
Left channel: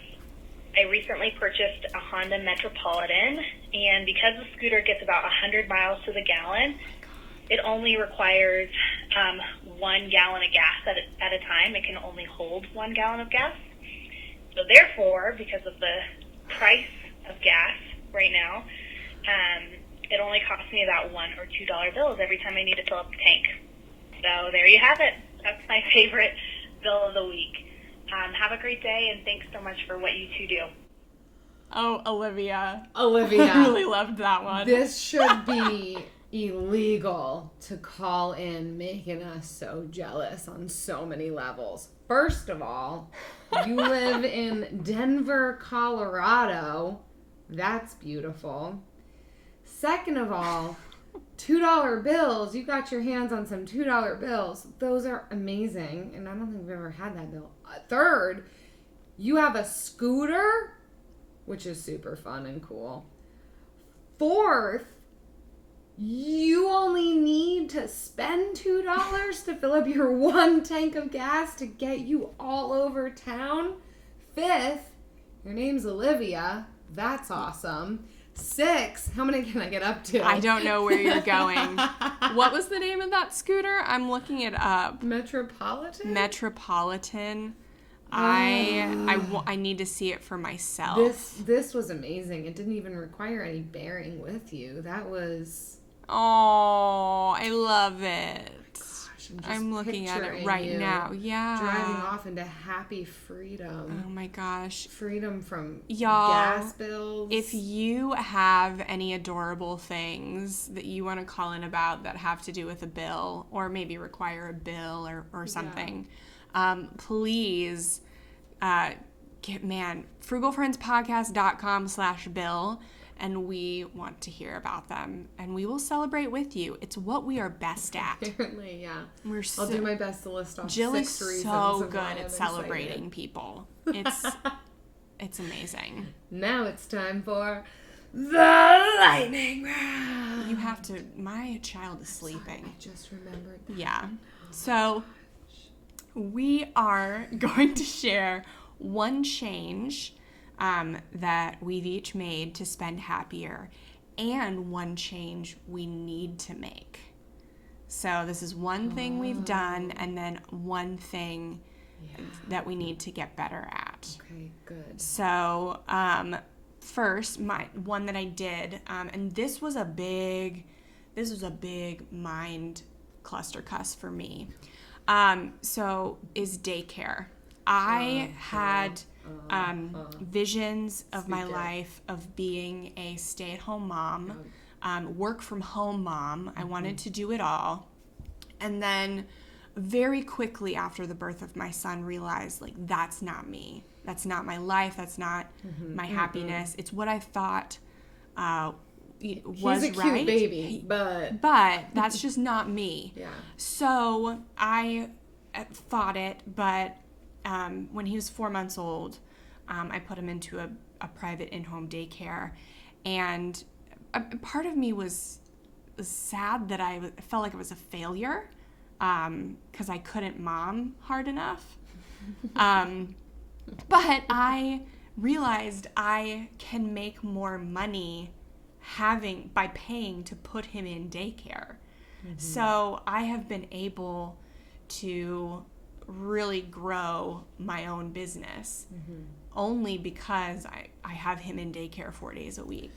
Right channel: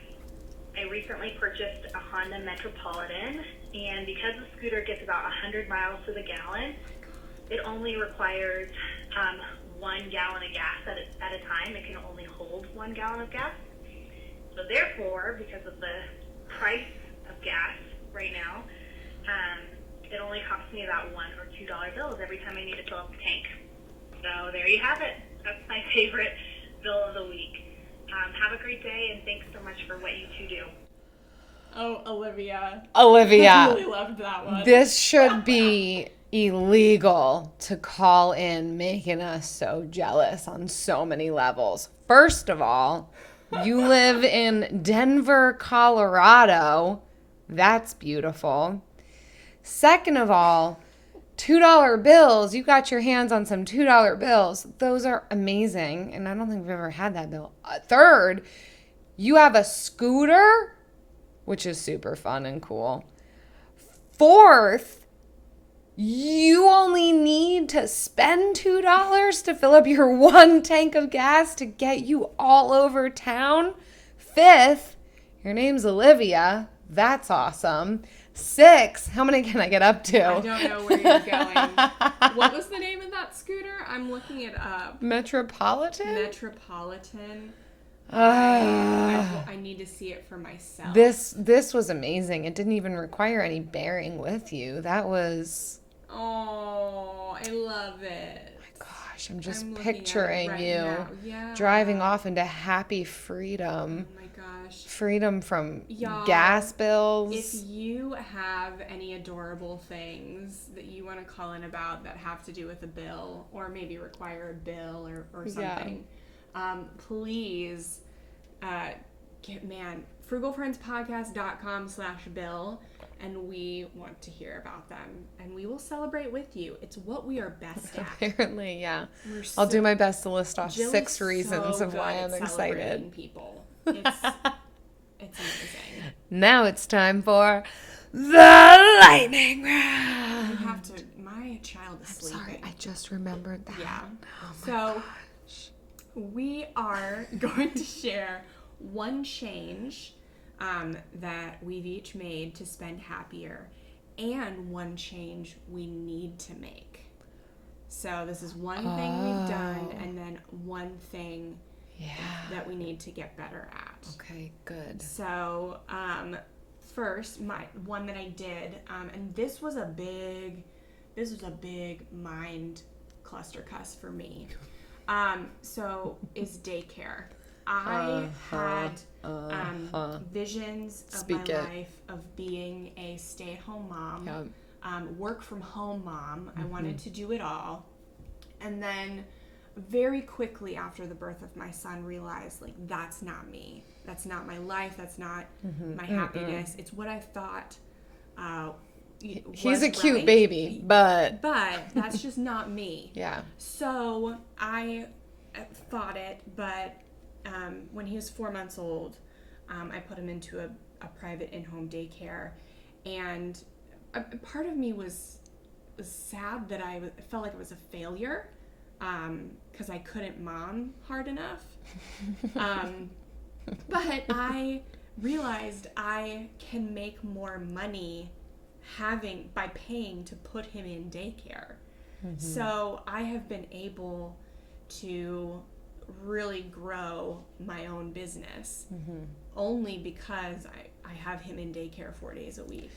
I recently purchased a Honda Metropolitan, and because the scooter gets about 100 miles to the gallon, it only requires 1 gallon of gas at a time. It can only hold 1 gallon of gas. So therefore, because of the price of gas right now, it only costs me about $1 or $2 bills every time I need to fill up the tank. So there you have it. That's my favorite bill of the week. Have a great day, and thanks so much for what you two do. Oh, Olivia. I really loved that one. This should be illegal to call in, making us so jealous on so many levels. First of all, you live in Denver, Colorado. That's beautiful. Second of all, $2 bills. You got your hands on some $2 bills. Those are amazing, and I don't think we've ever had that bill. Third, you have a scooter, which is super fun and cool. Fourth, you only need to spend $2 to fill up your 1 tank of gas to get you all over town. Fifth, your name's Olivia. That's awesome. 6, how many can I get up to? I don't know where you're going. What was the name of that scooter? I'm looking it up. Metropolitan? Metropolitan. I need to see it for myself. This was amazing. It didn't even require any bearing with you. That was... Oh, I love it. I'm just looking picturing at it right you now. Yeah. Driving off into happy freedom. Oh my gosh. Freedom from Y'all, gas bills. If you have any adorable things that you want to call in about that have to do with a bill or maybe require a bill or something, please frugalfriendspodcast.com/bill. and we want to hear about them, and we will celebrate with you. It's what we are best at. Apparently, yeah. I'll do my best to list off Jill 6 reasons of why I'm celebrating excited. People. It's amazing. Now it's time for the lightning round. You have to. My child is sleeping. Sorry, I just remembered that. Yeah. Oh So we are going to share one change that we've each made to spend happier, and one change we need to make. So this is one thing we've done, and then one thing that we need to get better at. Okay, good. So first, my one that I did, and this was a big mind cluster cuss for me. So is daycare. I had visions of my life of being a stay-at-home mom, work from home mom. I wanted to do it all. And then very quickly after the birth of my son, realized, like, that's not me. That's not my life. That's not my happiness. It's what I thought He's a cute baby, but that's just not me. Yeah. So I fought it, but when he was 4 months old, I put him into a private in-home daycare, and a part of me was sad that I felt like it was a failure because I couldn't mom hard enough. But I realized I can make more money by paying to put him in daycare. So I have been able to really grow my own business only because I have him in daycare 4 days a week.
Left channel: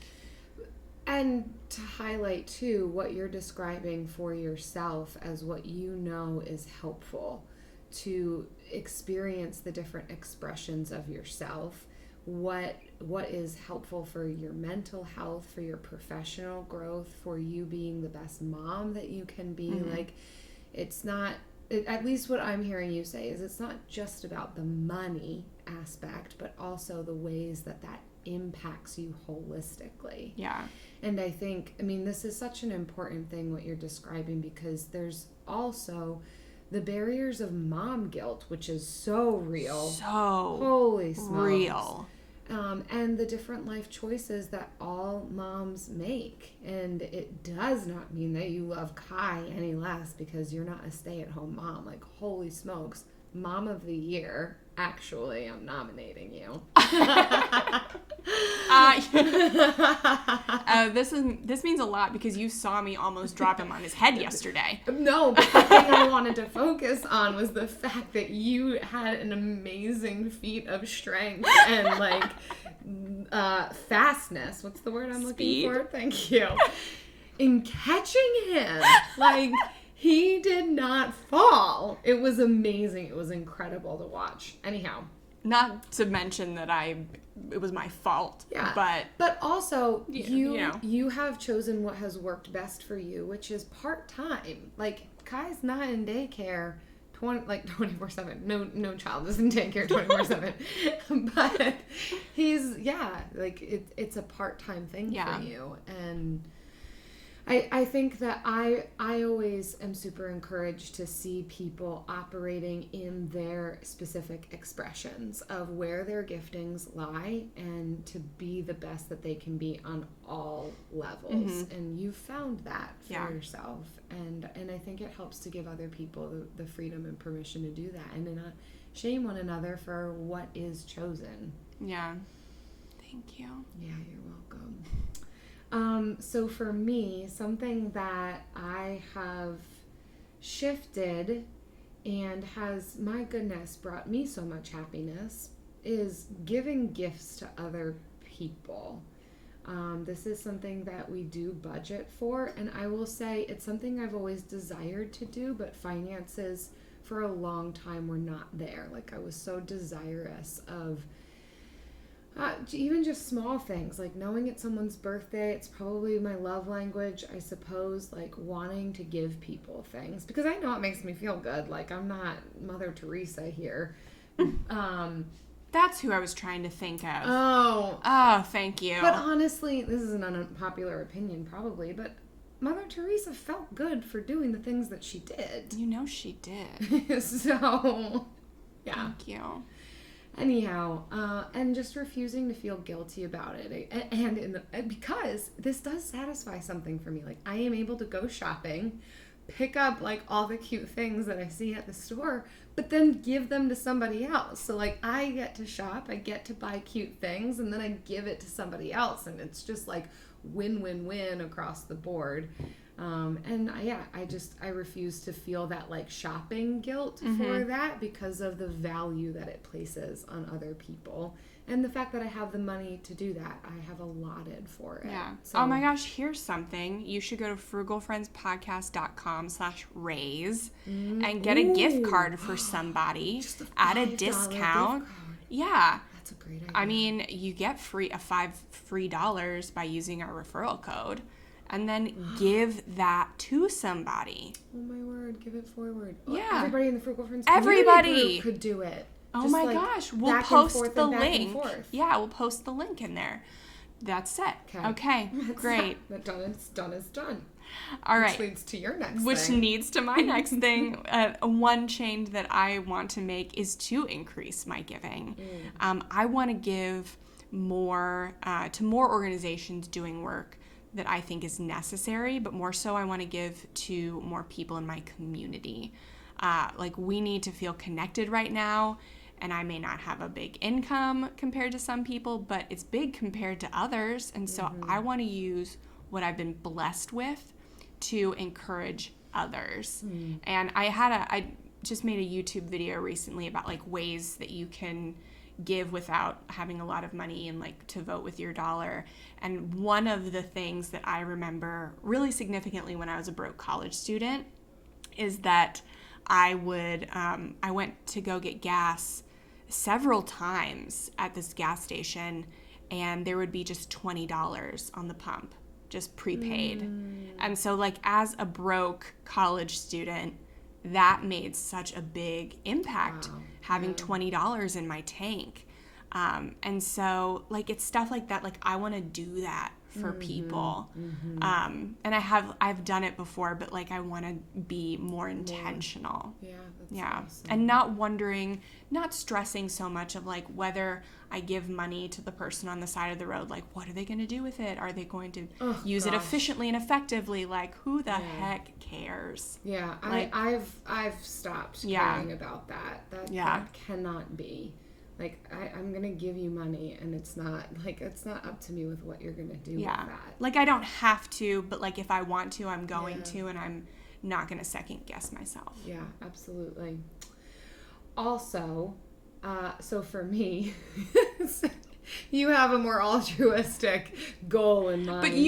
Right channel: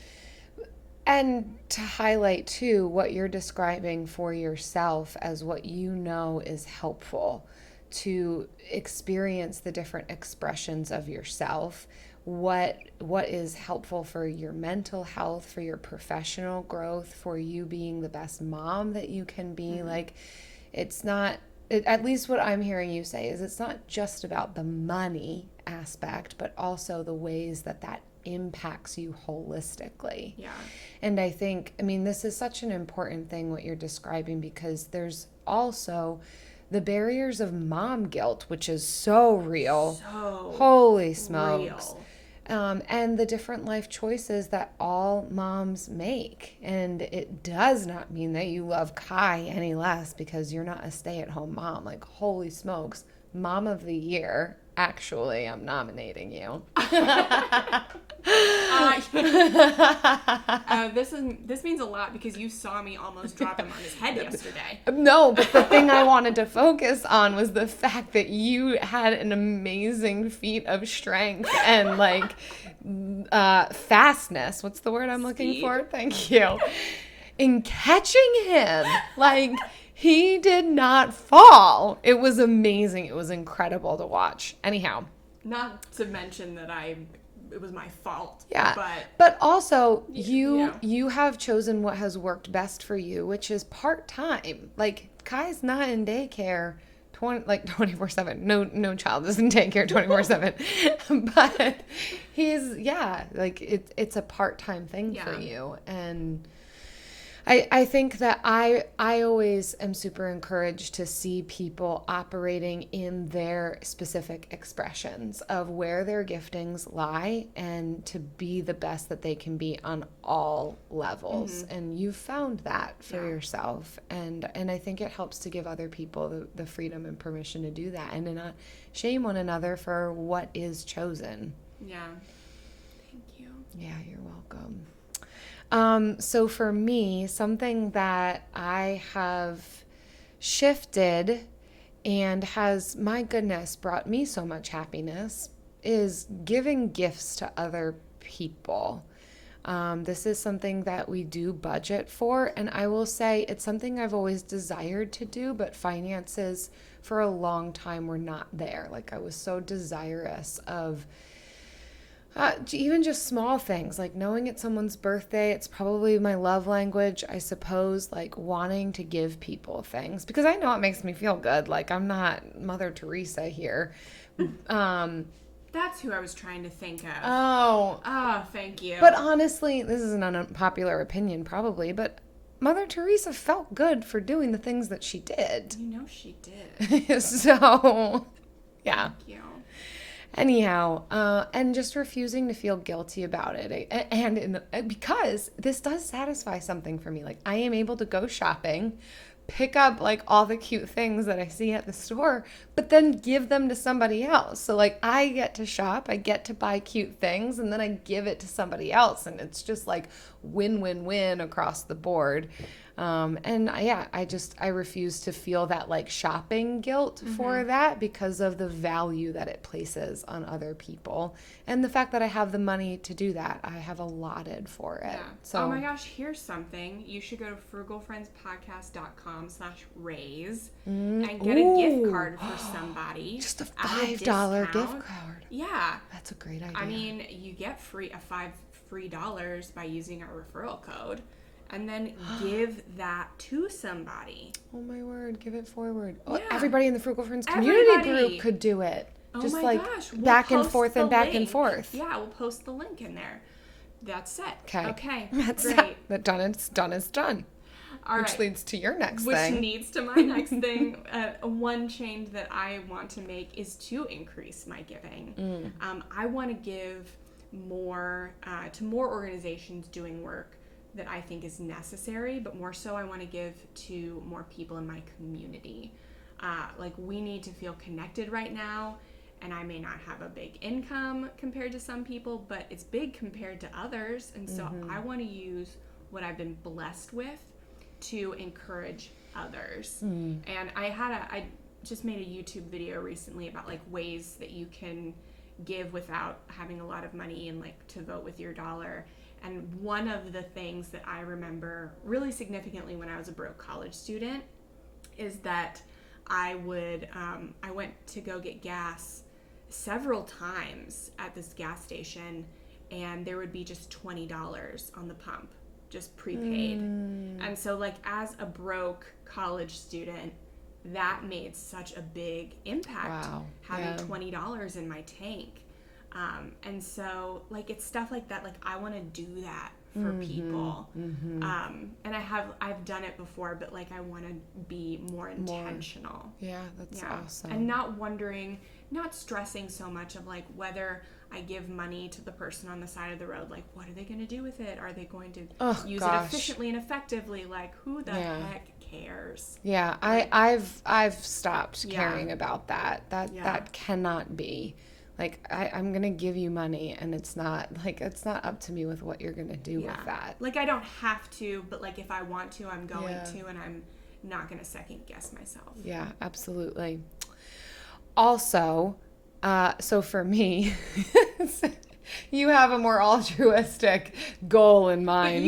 And to highlight too what you're describing for yourself as what you know is helpful to experience the different expressions of yourself, what is helpful for your mental health, for your professional growth, for you being the best mom that you can be. Like, it's not, at least what I'm hearing you say is it's not just about the money aspect, but also the ways that impacts you holistically. Yeah. And I think, this is such an important thing what you're describing, because there's also the barriers of mom guilt, which is so real. So holy smokes. real. And the different life choices that all moms make. And it does not mean that you love Kai any less because you're not a stay-at-home mom. Like, holy smokes, Mom of the Year. Actually, I'm nominating you. This means a lot because you saw me almost drop him on his head yesterday. No, but the thing I wanted to focus on was the fact that you had an amazing feat of strength and fastness. What's the word I'm looking for? Thank you. In catching him, he did not fall. It was amazing. It was incredible to watch. Anyhow. Not to mention that it was my fault. Yeah. But also you have chosen what has worked best for you, which is part-time. Kai's not in daycare 24/7. No child is in daycare 24/7. But he's it's a part-time thing for you. And I think that I always am super encouraged to see people operating in their specific expressions of where their giftings lie and to be the best that they can be on all levels. And you found that for yourself. And I think it helps to give other people the freedom and permission to do that and to not shame one another for what is chosen. Yeah. Thank you. Yeah, you're welcome. So for me, something that I have shifted and has, my goodness, brought me so much happiness is giving gifts to other people. This is something that we do budget for, and I will say it's something I've always desired to do, but finances for a long time were not there. I was so desirous of even just small things, knowing it's someone's birthday. It's probably my love language, I suppose, wanting to give people things because I know it makes me feel good. I'm not Mother Teresa here. That's who I was trying to think of. Oh, thank you. But honestly, this is an unpopular opinion probably, but Mother Teresa felt good for doing the things that she did. You know she did. So, yeah. Thank you. Anyhow, and just refusing to feel guilty about it. And because this does satisfy something for me. Like, I am able to go shopping, pick up like all the cute things that I see at the store, but then give them to somebody else. So like I get to shop, I get to buy cute things, and then I give it to somebody else, and it's just like win-win-win across the board. I refuse to feel that like shopping guilt for that because of the value that it places on other people. And the fact that I have the money to do that, I have allotted for it. Yeah. So, oh my gosh, here's something. You should go to frugalfriendspodcast.com/raise and get a gift card for somebody. Just a at $5 a discount. gift card. Yeah. That's a great idea. I mean, you get $5 free by using our referral code. And then give that to somebody. Oh my word, give it forward. Yeah. Everybody in the Frugal Friends community group could do it. Oh Just my like gosh. We'll back and post forth the and back link. and forth. Yeah, we'll post the link in there. That's it. Okay. That's great. Done is done. All right. Which leads to your next Which thing. leads to my next thing. One change that I want to make is to increase my giving. I want to give more to more organizations doing work that I think is necessary, but more so I want to give to more people in my community. Like we need to feel connected right now, and I may not have a big income compared to some people, but it's big compared to others, and so I want to use what I've been blessed with to encourage others. And I just made a YouTube video recently about like ways that you can give without having a lot of money and like to vote with your dollar. And one of the things that I remember really significantly when I was a broke college student is that I went to go get gas several times at this gas station, and there would be just $20 on the pump, just prepaid. And so like as a broke college student, that made such a big impact, having $20 in my tank. And so like it's stuff like that, like I want to do that for people. And I've done it before, but like I want to be more intentional. Yeah, that's awesome. And not stressing so much of like whether I give money to the person on the side of the road, like what are they going to do with it? Are they going to use it efficiently and effectively? Like who the heck cares? Yeah, like, I've stopped caring about that. That cannot be. Like I'm gonna give you money, and it's not up to me with what you're gonna do with that. Like I don't have to, but like if I want to, I'm going to, and I'm not gonna second guess myself. Yeah, absolutely. Also, so for me, you have a more altruistic goal in mind. But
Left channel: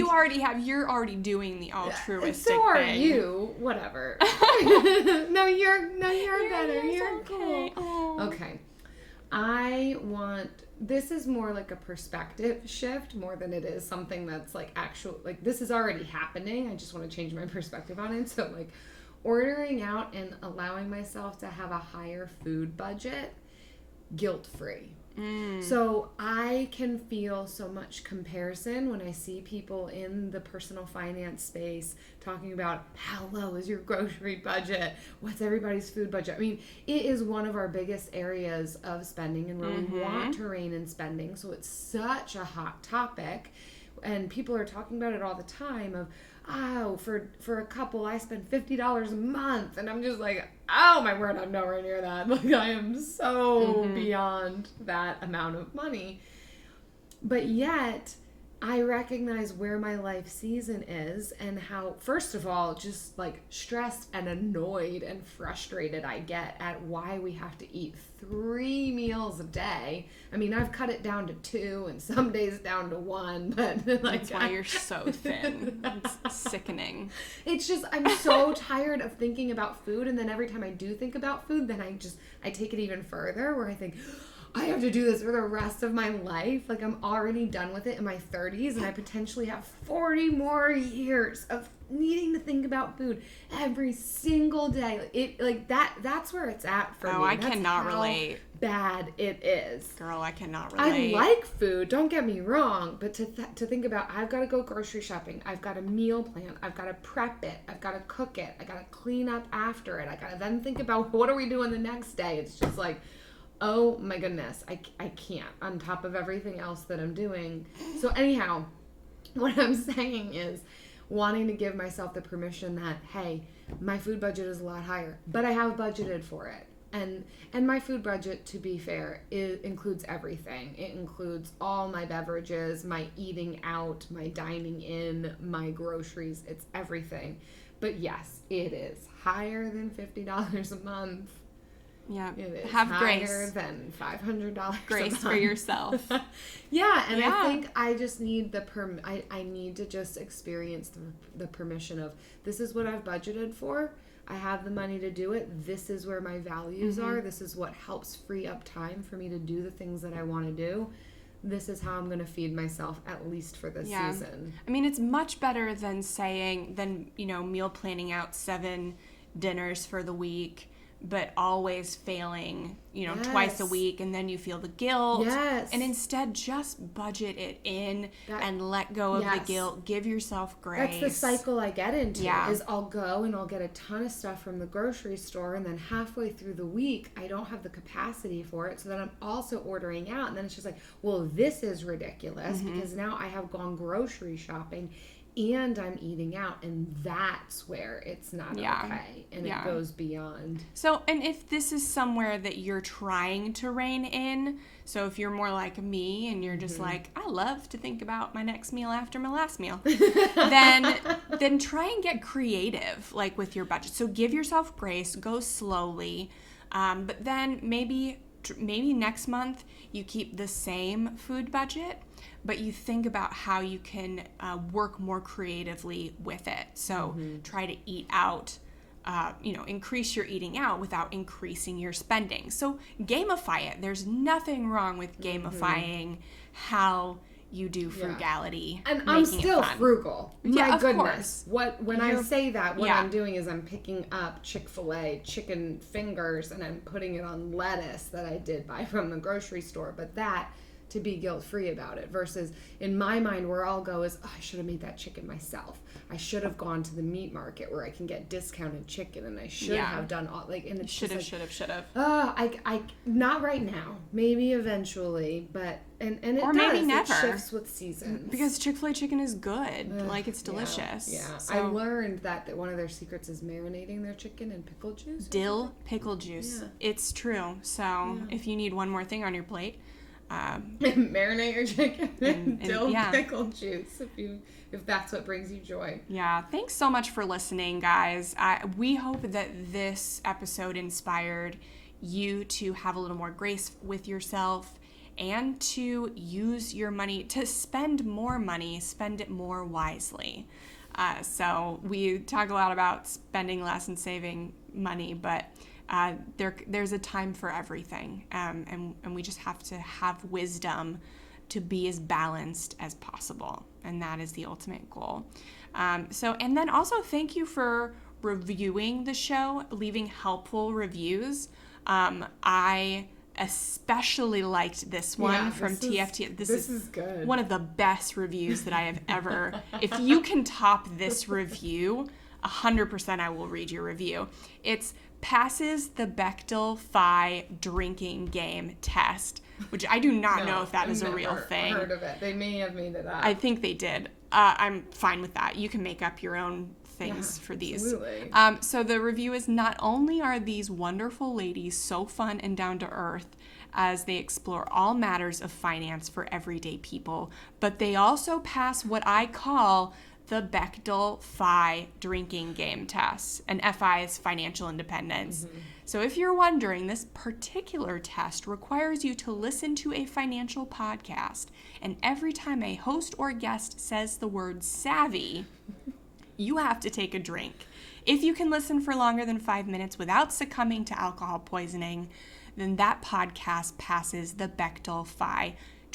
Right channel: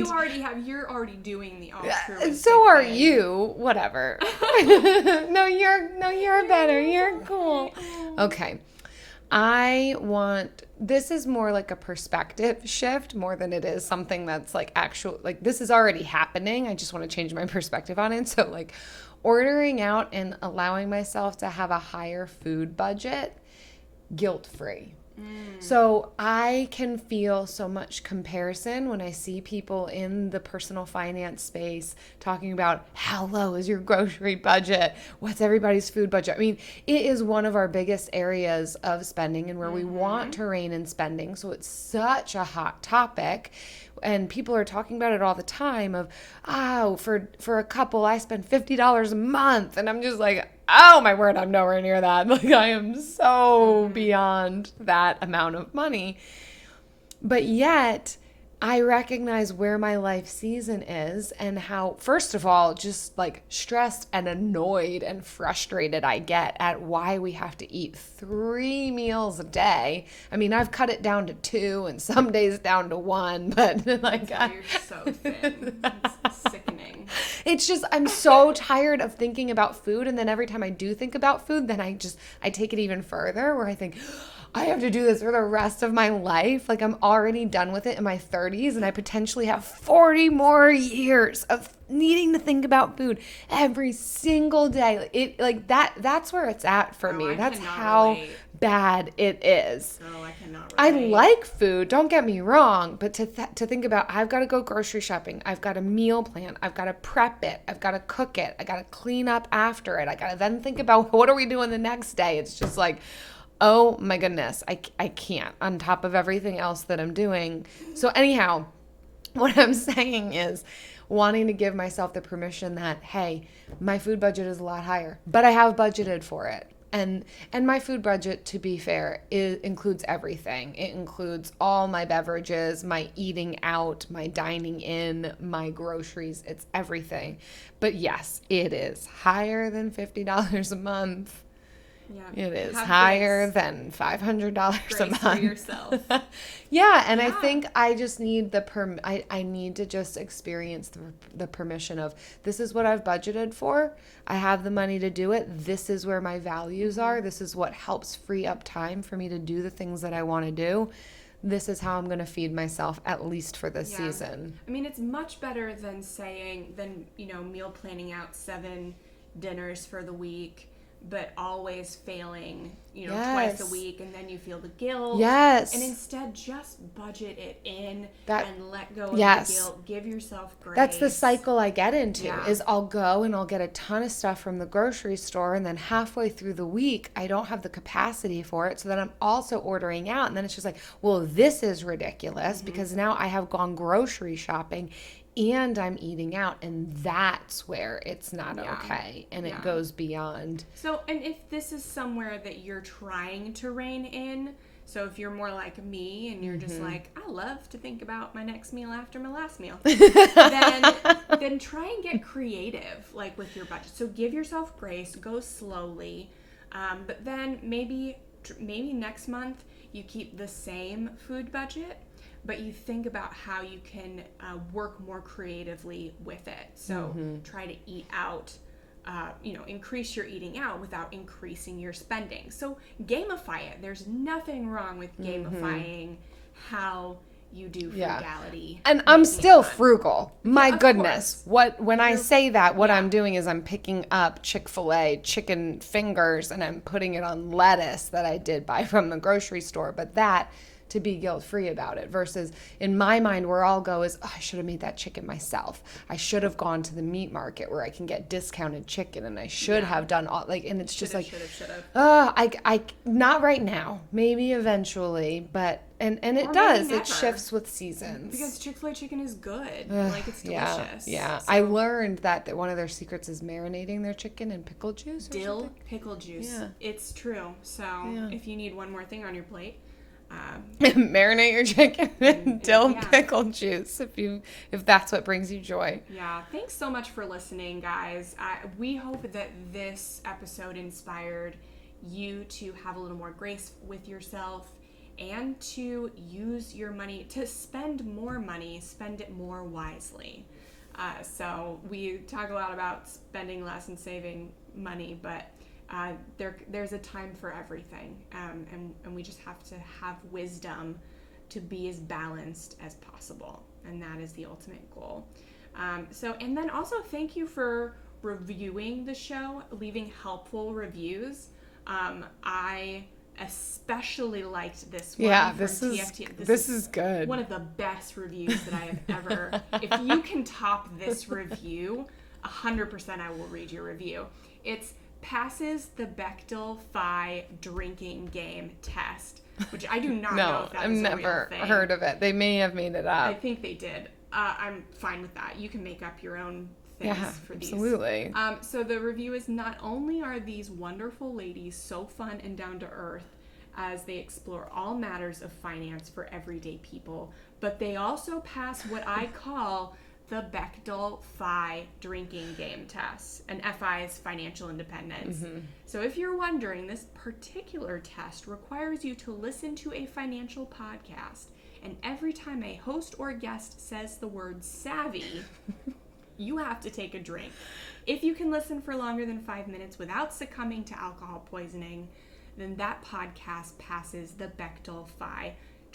you're already doing the altruistic So are thing. you. Whatever. No, you're better. You're cool. Okay. This is more like a perspective shift more than it is something that's like actual, like this is already happening. I just want to change my perspective on it. So like ordering out and allowing myself to have a higher food budget, guilt-free. So I can feel so much comparison when I see people in the personal finance space talking about how low is your grocery budget? What's everybody's food budget? I mean, it is one of our biggest areas of spending and where we want to rein in spending. So it's such a hot topic. And people are talking about it all the time of, for a couple, I spend $50 a month. And I'm just like, oh my word, I'm nowhere near that. Like I am so beyond that amount of money. But yet I recognize where my life season is and how, first of all, just like stressed and annoyed and frustrated I get at why we have to eat 3 meals a day. I mean, I've cut it down to 2 and some days down to 1, but like that's why you're so thin. It's sickening. It's just, I'm so tired of thinking about food, and then every time I do think about food, then I take it even further where I think, I have to do this for the rest of my life. Like I'm already done with it in my 30s, and I potentially have 40 more years of needing to think about food every single day. That's where it's at for me. That's how bad it is. Girl, I cannot relate. I like food, don't get me wrong, but to think about, I've got to go grocery shopping, I've got a meal plan, I've got to prep it, I've got to cook it, I got to clean up after it, I got to then think about what are we doing the next day. It's just like, oh my goodness, I can't, on top of everything else that I'm doing. So anyhow, what I'm saying is wanting to give myself the permission that, hey, my food budget is a lot higher, but I have budgeted for it. And my food budget, to be fair, includes everything. It includes all my beverages, my eating out, my dining in, my groceries. It's everything. But yes, it is higher than $50 a month. Yeah. It is higher than $500 a month. Grace for yourself. Yeah, and I think I just need I need to just experience the permission of, this is what I've budgeted for. I have the money to do it. This is where my values are. This is what helps free up time for me to do the things that I want to do. This is how I'm going to feed myself, at least for this season. I mean, it's much better than meal planning out 7 dinners for the week, but always failing, twice a week, and then you feel the guilt. Yes. And instead, just budget it in and let go of the guilt. Give yourself grace. That's the cycle I get into, is I'll go and I'll get a ton of stuff from the grocery store, and then halfway through the week, I don't have the capacity for it, so then I'm also ordering out, and then it's just like, well, this is ridiculous, because now I have gone grocery shopping and I'm eating out, and that's where it's not okay, and it goes beyond. So, and if this is somewhere that you're trying to rein in, so if you're more like me and you're just like, I love to think about my next meal after my last meal, then try and get creative, like with your budget. So give yourself grace, go slowly, but then maybe next month you keep the same food budget, but you think about how you can work more creatively with it. So try to eat out, increase your eating out without increasing your spending. So gamify it. There's nothing wrong with gamifying how you do frugality. And I'm still frugal. My goodness. Course. When I say that, what I'm doing is I'm picking up Chick-fil-A chicken fingers and I'm putting it on lettuce that I did buy from the grocery store. But that, to be guilt-free about it, versus in my mind where I'll go is, I should have made that chicken myself. I should have gone to the meat market where I can get discounted chicken, and I should have done all, and it's just like, I not right now, maybe eventually, but and it does, it shifts with seasons. Because Chick-fil-A chicken is good, it's delicious. Yeah. So, I learned that one of their secrets is marinating their chicken in pickle juice. Dill pickle juice. Yeah. It's true. So if you need one more thing on your plate, marinate your chicken in dill pickle juice if that's what brings you joy. Yeah, thanks so much for listening, guys. We hope that this episode inspired you to have a little more grace with yourself and to use your money, to spend more money, spend it more wisely. So we talk a lot about spending less and saving money, but there's a time for everything, and we just have to have wisdom to be as balanced as possible, and that is the ultimate goal. And then also thank you for reviewing the show, leaving helpful reviews. I especially liked this one from TFT. This is good. One of the best reviews that I have ever. If you can top this review, 100% I will read your review. It's passes the Bechdel drinking game test, which I do not know if that is a real thing. I've never heard of it. They may have made it up. I think they did. I'm fine with that. You can make up your own things for these. Absolutely. So the review is, not only are these wonderful ladies so fun and down to earth as they explore all matters of finance for everyday people, but they also pass what I call the Bechdel drinking game test. And FI is financial independence. So if you're wondering, this particular test requires you to listen to a financial podcast, and every time a host or guest says the word savvy, you have to take a drink. If you can listen for longer than 5 minutes without succumbing to alcohol poisoning, then that podcast passes the Bechdel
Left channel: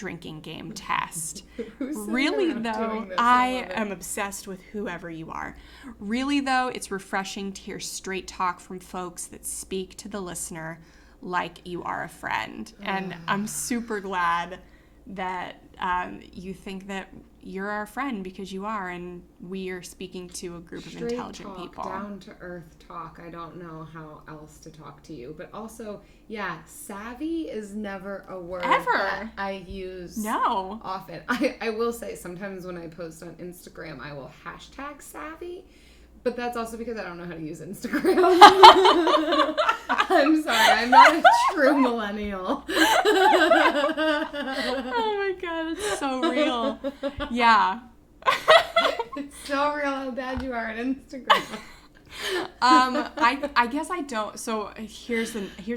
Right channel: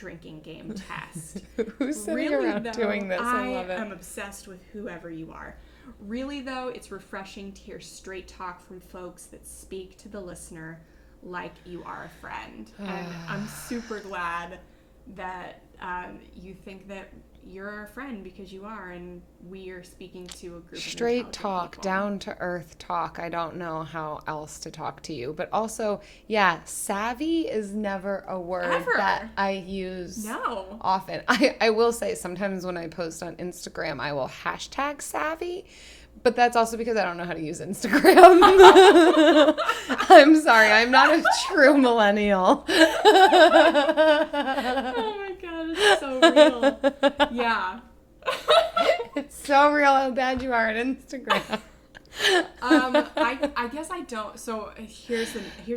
drinking game test. Who's sitting Really, around though, doing this? I love it. am obsessed with whoever you are. Really, though, it's refreshing to hear straight talk from folks that speak to the listener like you are a friend. And I'm super glad that you think that you're our friend, because you are, and we are speaking to a group of Straight intelligent talk, people. down to earth talk. I don't know how else to talk to you. But also, yeah, savvy is never a word Ever. that I use No. often. I will say sometimes when I post on Instagram, I will hashtag savvy. But that's also because I don't know how to use Instagram. I'm sorry, I'm not a true millennial. Oh my god, it's so real. Yeah. It's so real how bad you are at Instagram. I guess I don't. So here's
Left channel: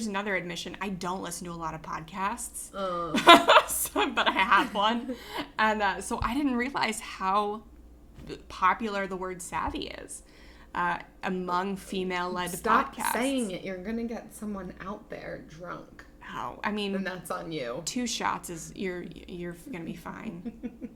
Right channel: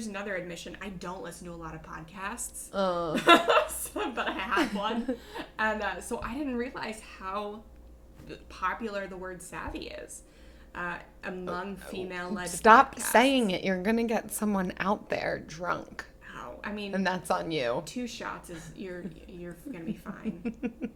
another admission. I don't listen to a lot of podcasts. But I have one, and so I didn't realize how popular the word savvy is among female-led Stop podcasts. saying it. You're gonna get someone out there drunk, Oh, I mean, and that's on you. 2 shots is you're gonna be fine.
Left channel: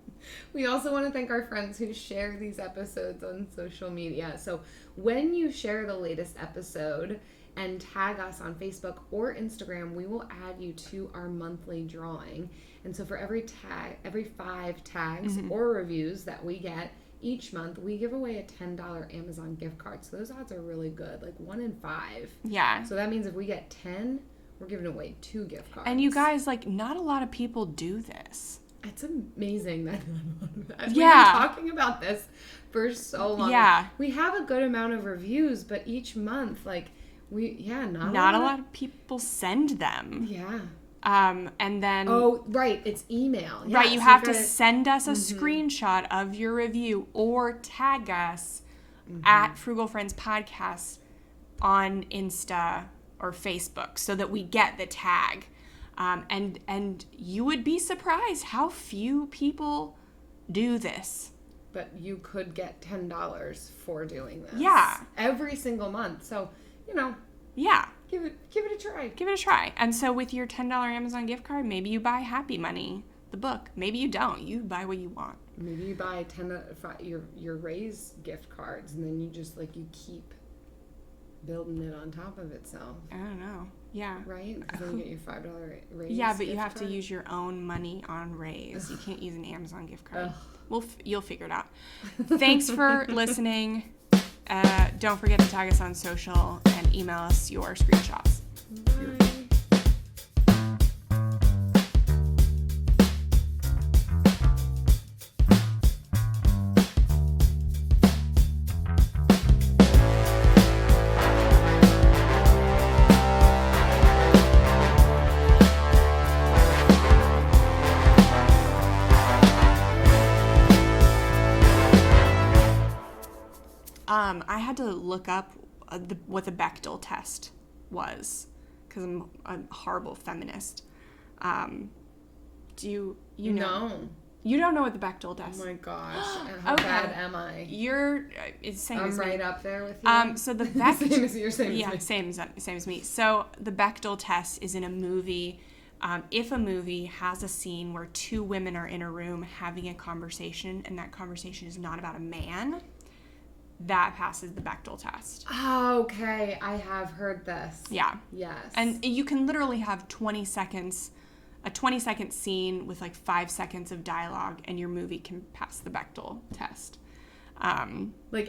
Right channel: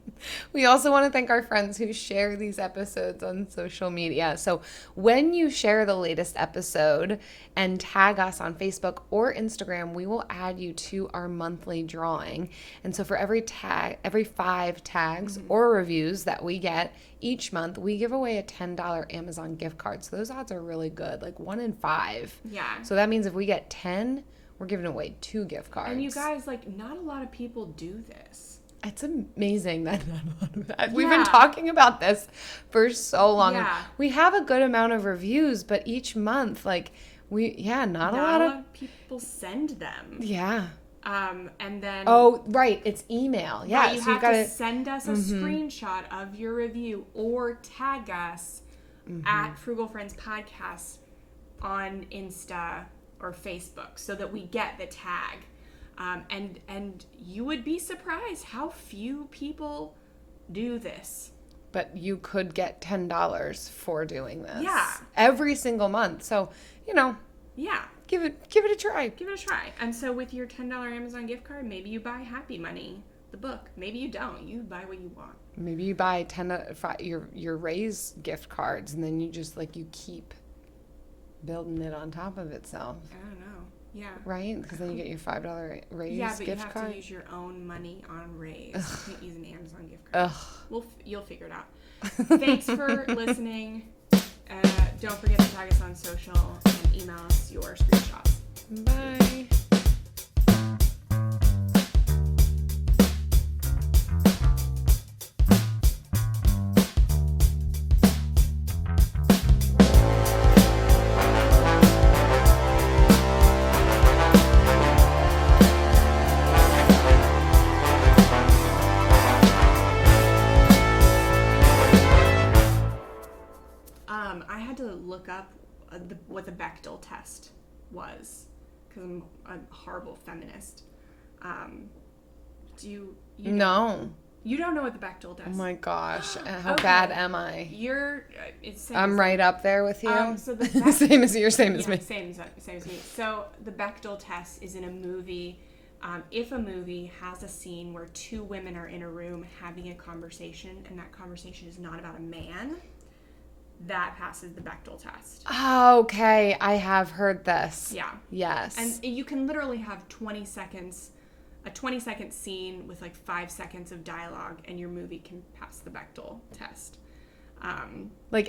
We also want to thank our friends who share these episodes on social media. So when you share the latest episode and tag us on Facebook or Instagram, we will add you to our monthly drawing. And so for every 5 tags or reviews that we get each month, we give away a $10 Amazon gift card. So those odds are really good, like 1 in 5. Yeah. So that means if we get 10, we're giving away 2 gift cards. And you guys, like, not a lot of people do this. It's amazing that we've been Yeah. talking about this for so long. Yeah. We have a good amount of reviews, but each month, like, not a lot of people send them. Yeah. And then Oh, right. It's email. Yeah. right, you have to gotta- send us a screenshot of your review or tag us at Frugal Friends Podcast on Insta or Facebook so that we get the tag. And you would be surprised how few people do this. But you could get $10 for doing this. Yeah. Every single month. So, Yeah, give it a try. give it a try. And so with your $10 Amazon gift card, maybe you buy Happy Money, the book. Maybe you don't. You buy what you want. Maybe you buy your Raise gift cards, and then you just you keep building it on top of itself, I don't know. Yeah. right? Because then you get your $5 Raise. Yeah, but you gift have card. to use your own money on Raise. You can't use an Amazon gift card. You'll figure it out. Thanks for listening. Don't forget to tag us on social and email us your screenshots. Bye. I had to look up what the Bechdel Test was because I'm a horrible feminist. Do you know? No. You don't know what the Bechdel Oh Test? my gosh. How Okay. bad am I? You're. It's same I'm as right up there with you. So the same as you, same as yeah, me. same as me. So the Bechdel Test is in a movie. If a movie has a scene where 2 women are in a room having a conversation, and that conversation is not about a man, that passes the Bechdel Test. Oh, okay. I have heard this. Yeah. Yes. And you can literally have 20 seconds, a 20-second scene with 5 seconds of dialogue, and your movie can pass the Bechdel Test.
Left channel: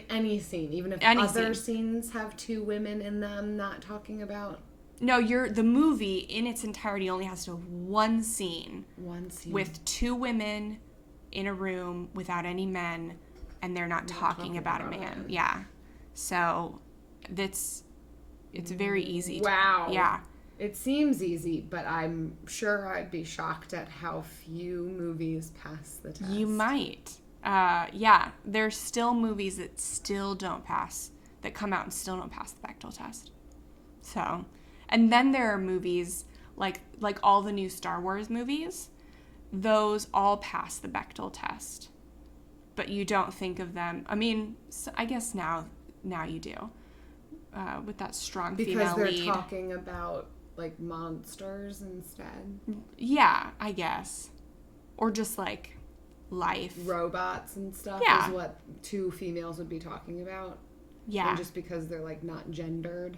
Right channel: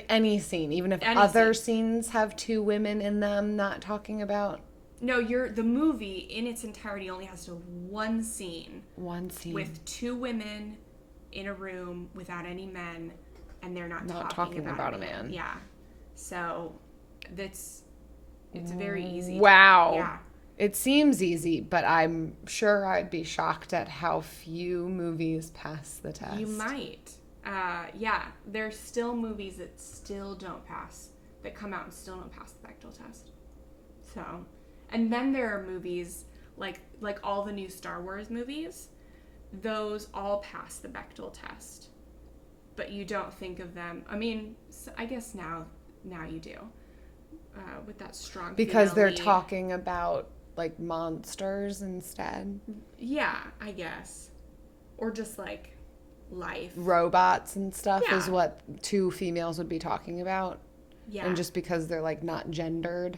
Any scene, even if Any other scenes have 2 women in them not talking about No, the movie in its entirety only has to have one scene one scene. with 2 women in a room without any men, and they're not talking about a man. Yeah. So it's very easy. Wow. Yeah. It seems easy, but I'm sure I'd be shocked at how few movies pass the test. You might. Yeah. There's still movies that still don't pass, that come out and still don't pass the Bechdel Test. So, and then there are movies like all the new Star Wars movies. Those all pass the Bechdel Test. But you don't think of them. I mean, I guess now you do. With that strong because female they're lead. talking about monsters instead. Yeah, I guess. or just like life. Robots and stuff Yeah. is what two females would be talking about. Yeah. And just because they're like not gendered,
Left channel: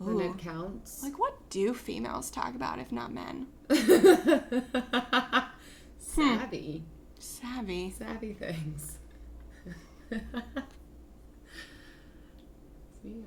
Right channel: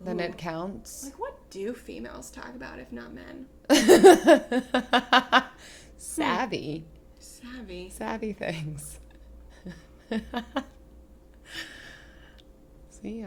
then Ooh. it counts. Like, what do females talk about if not men? Savvy. Savvy. Savvy things. See ya.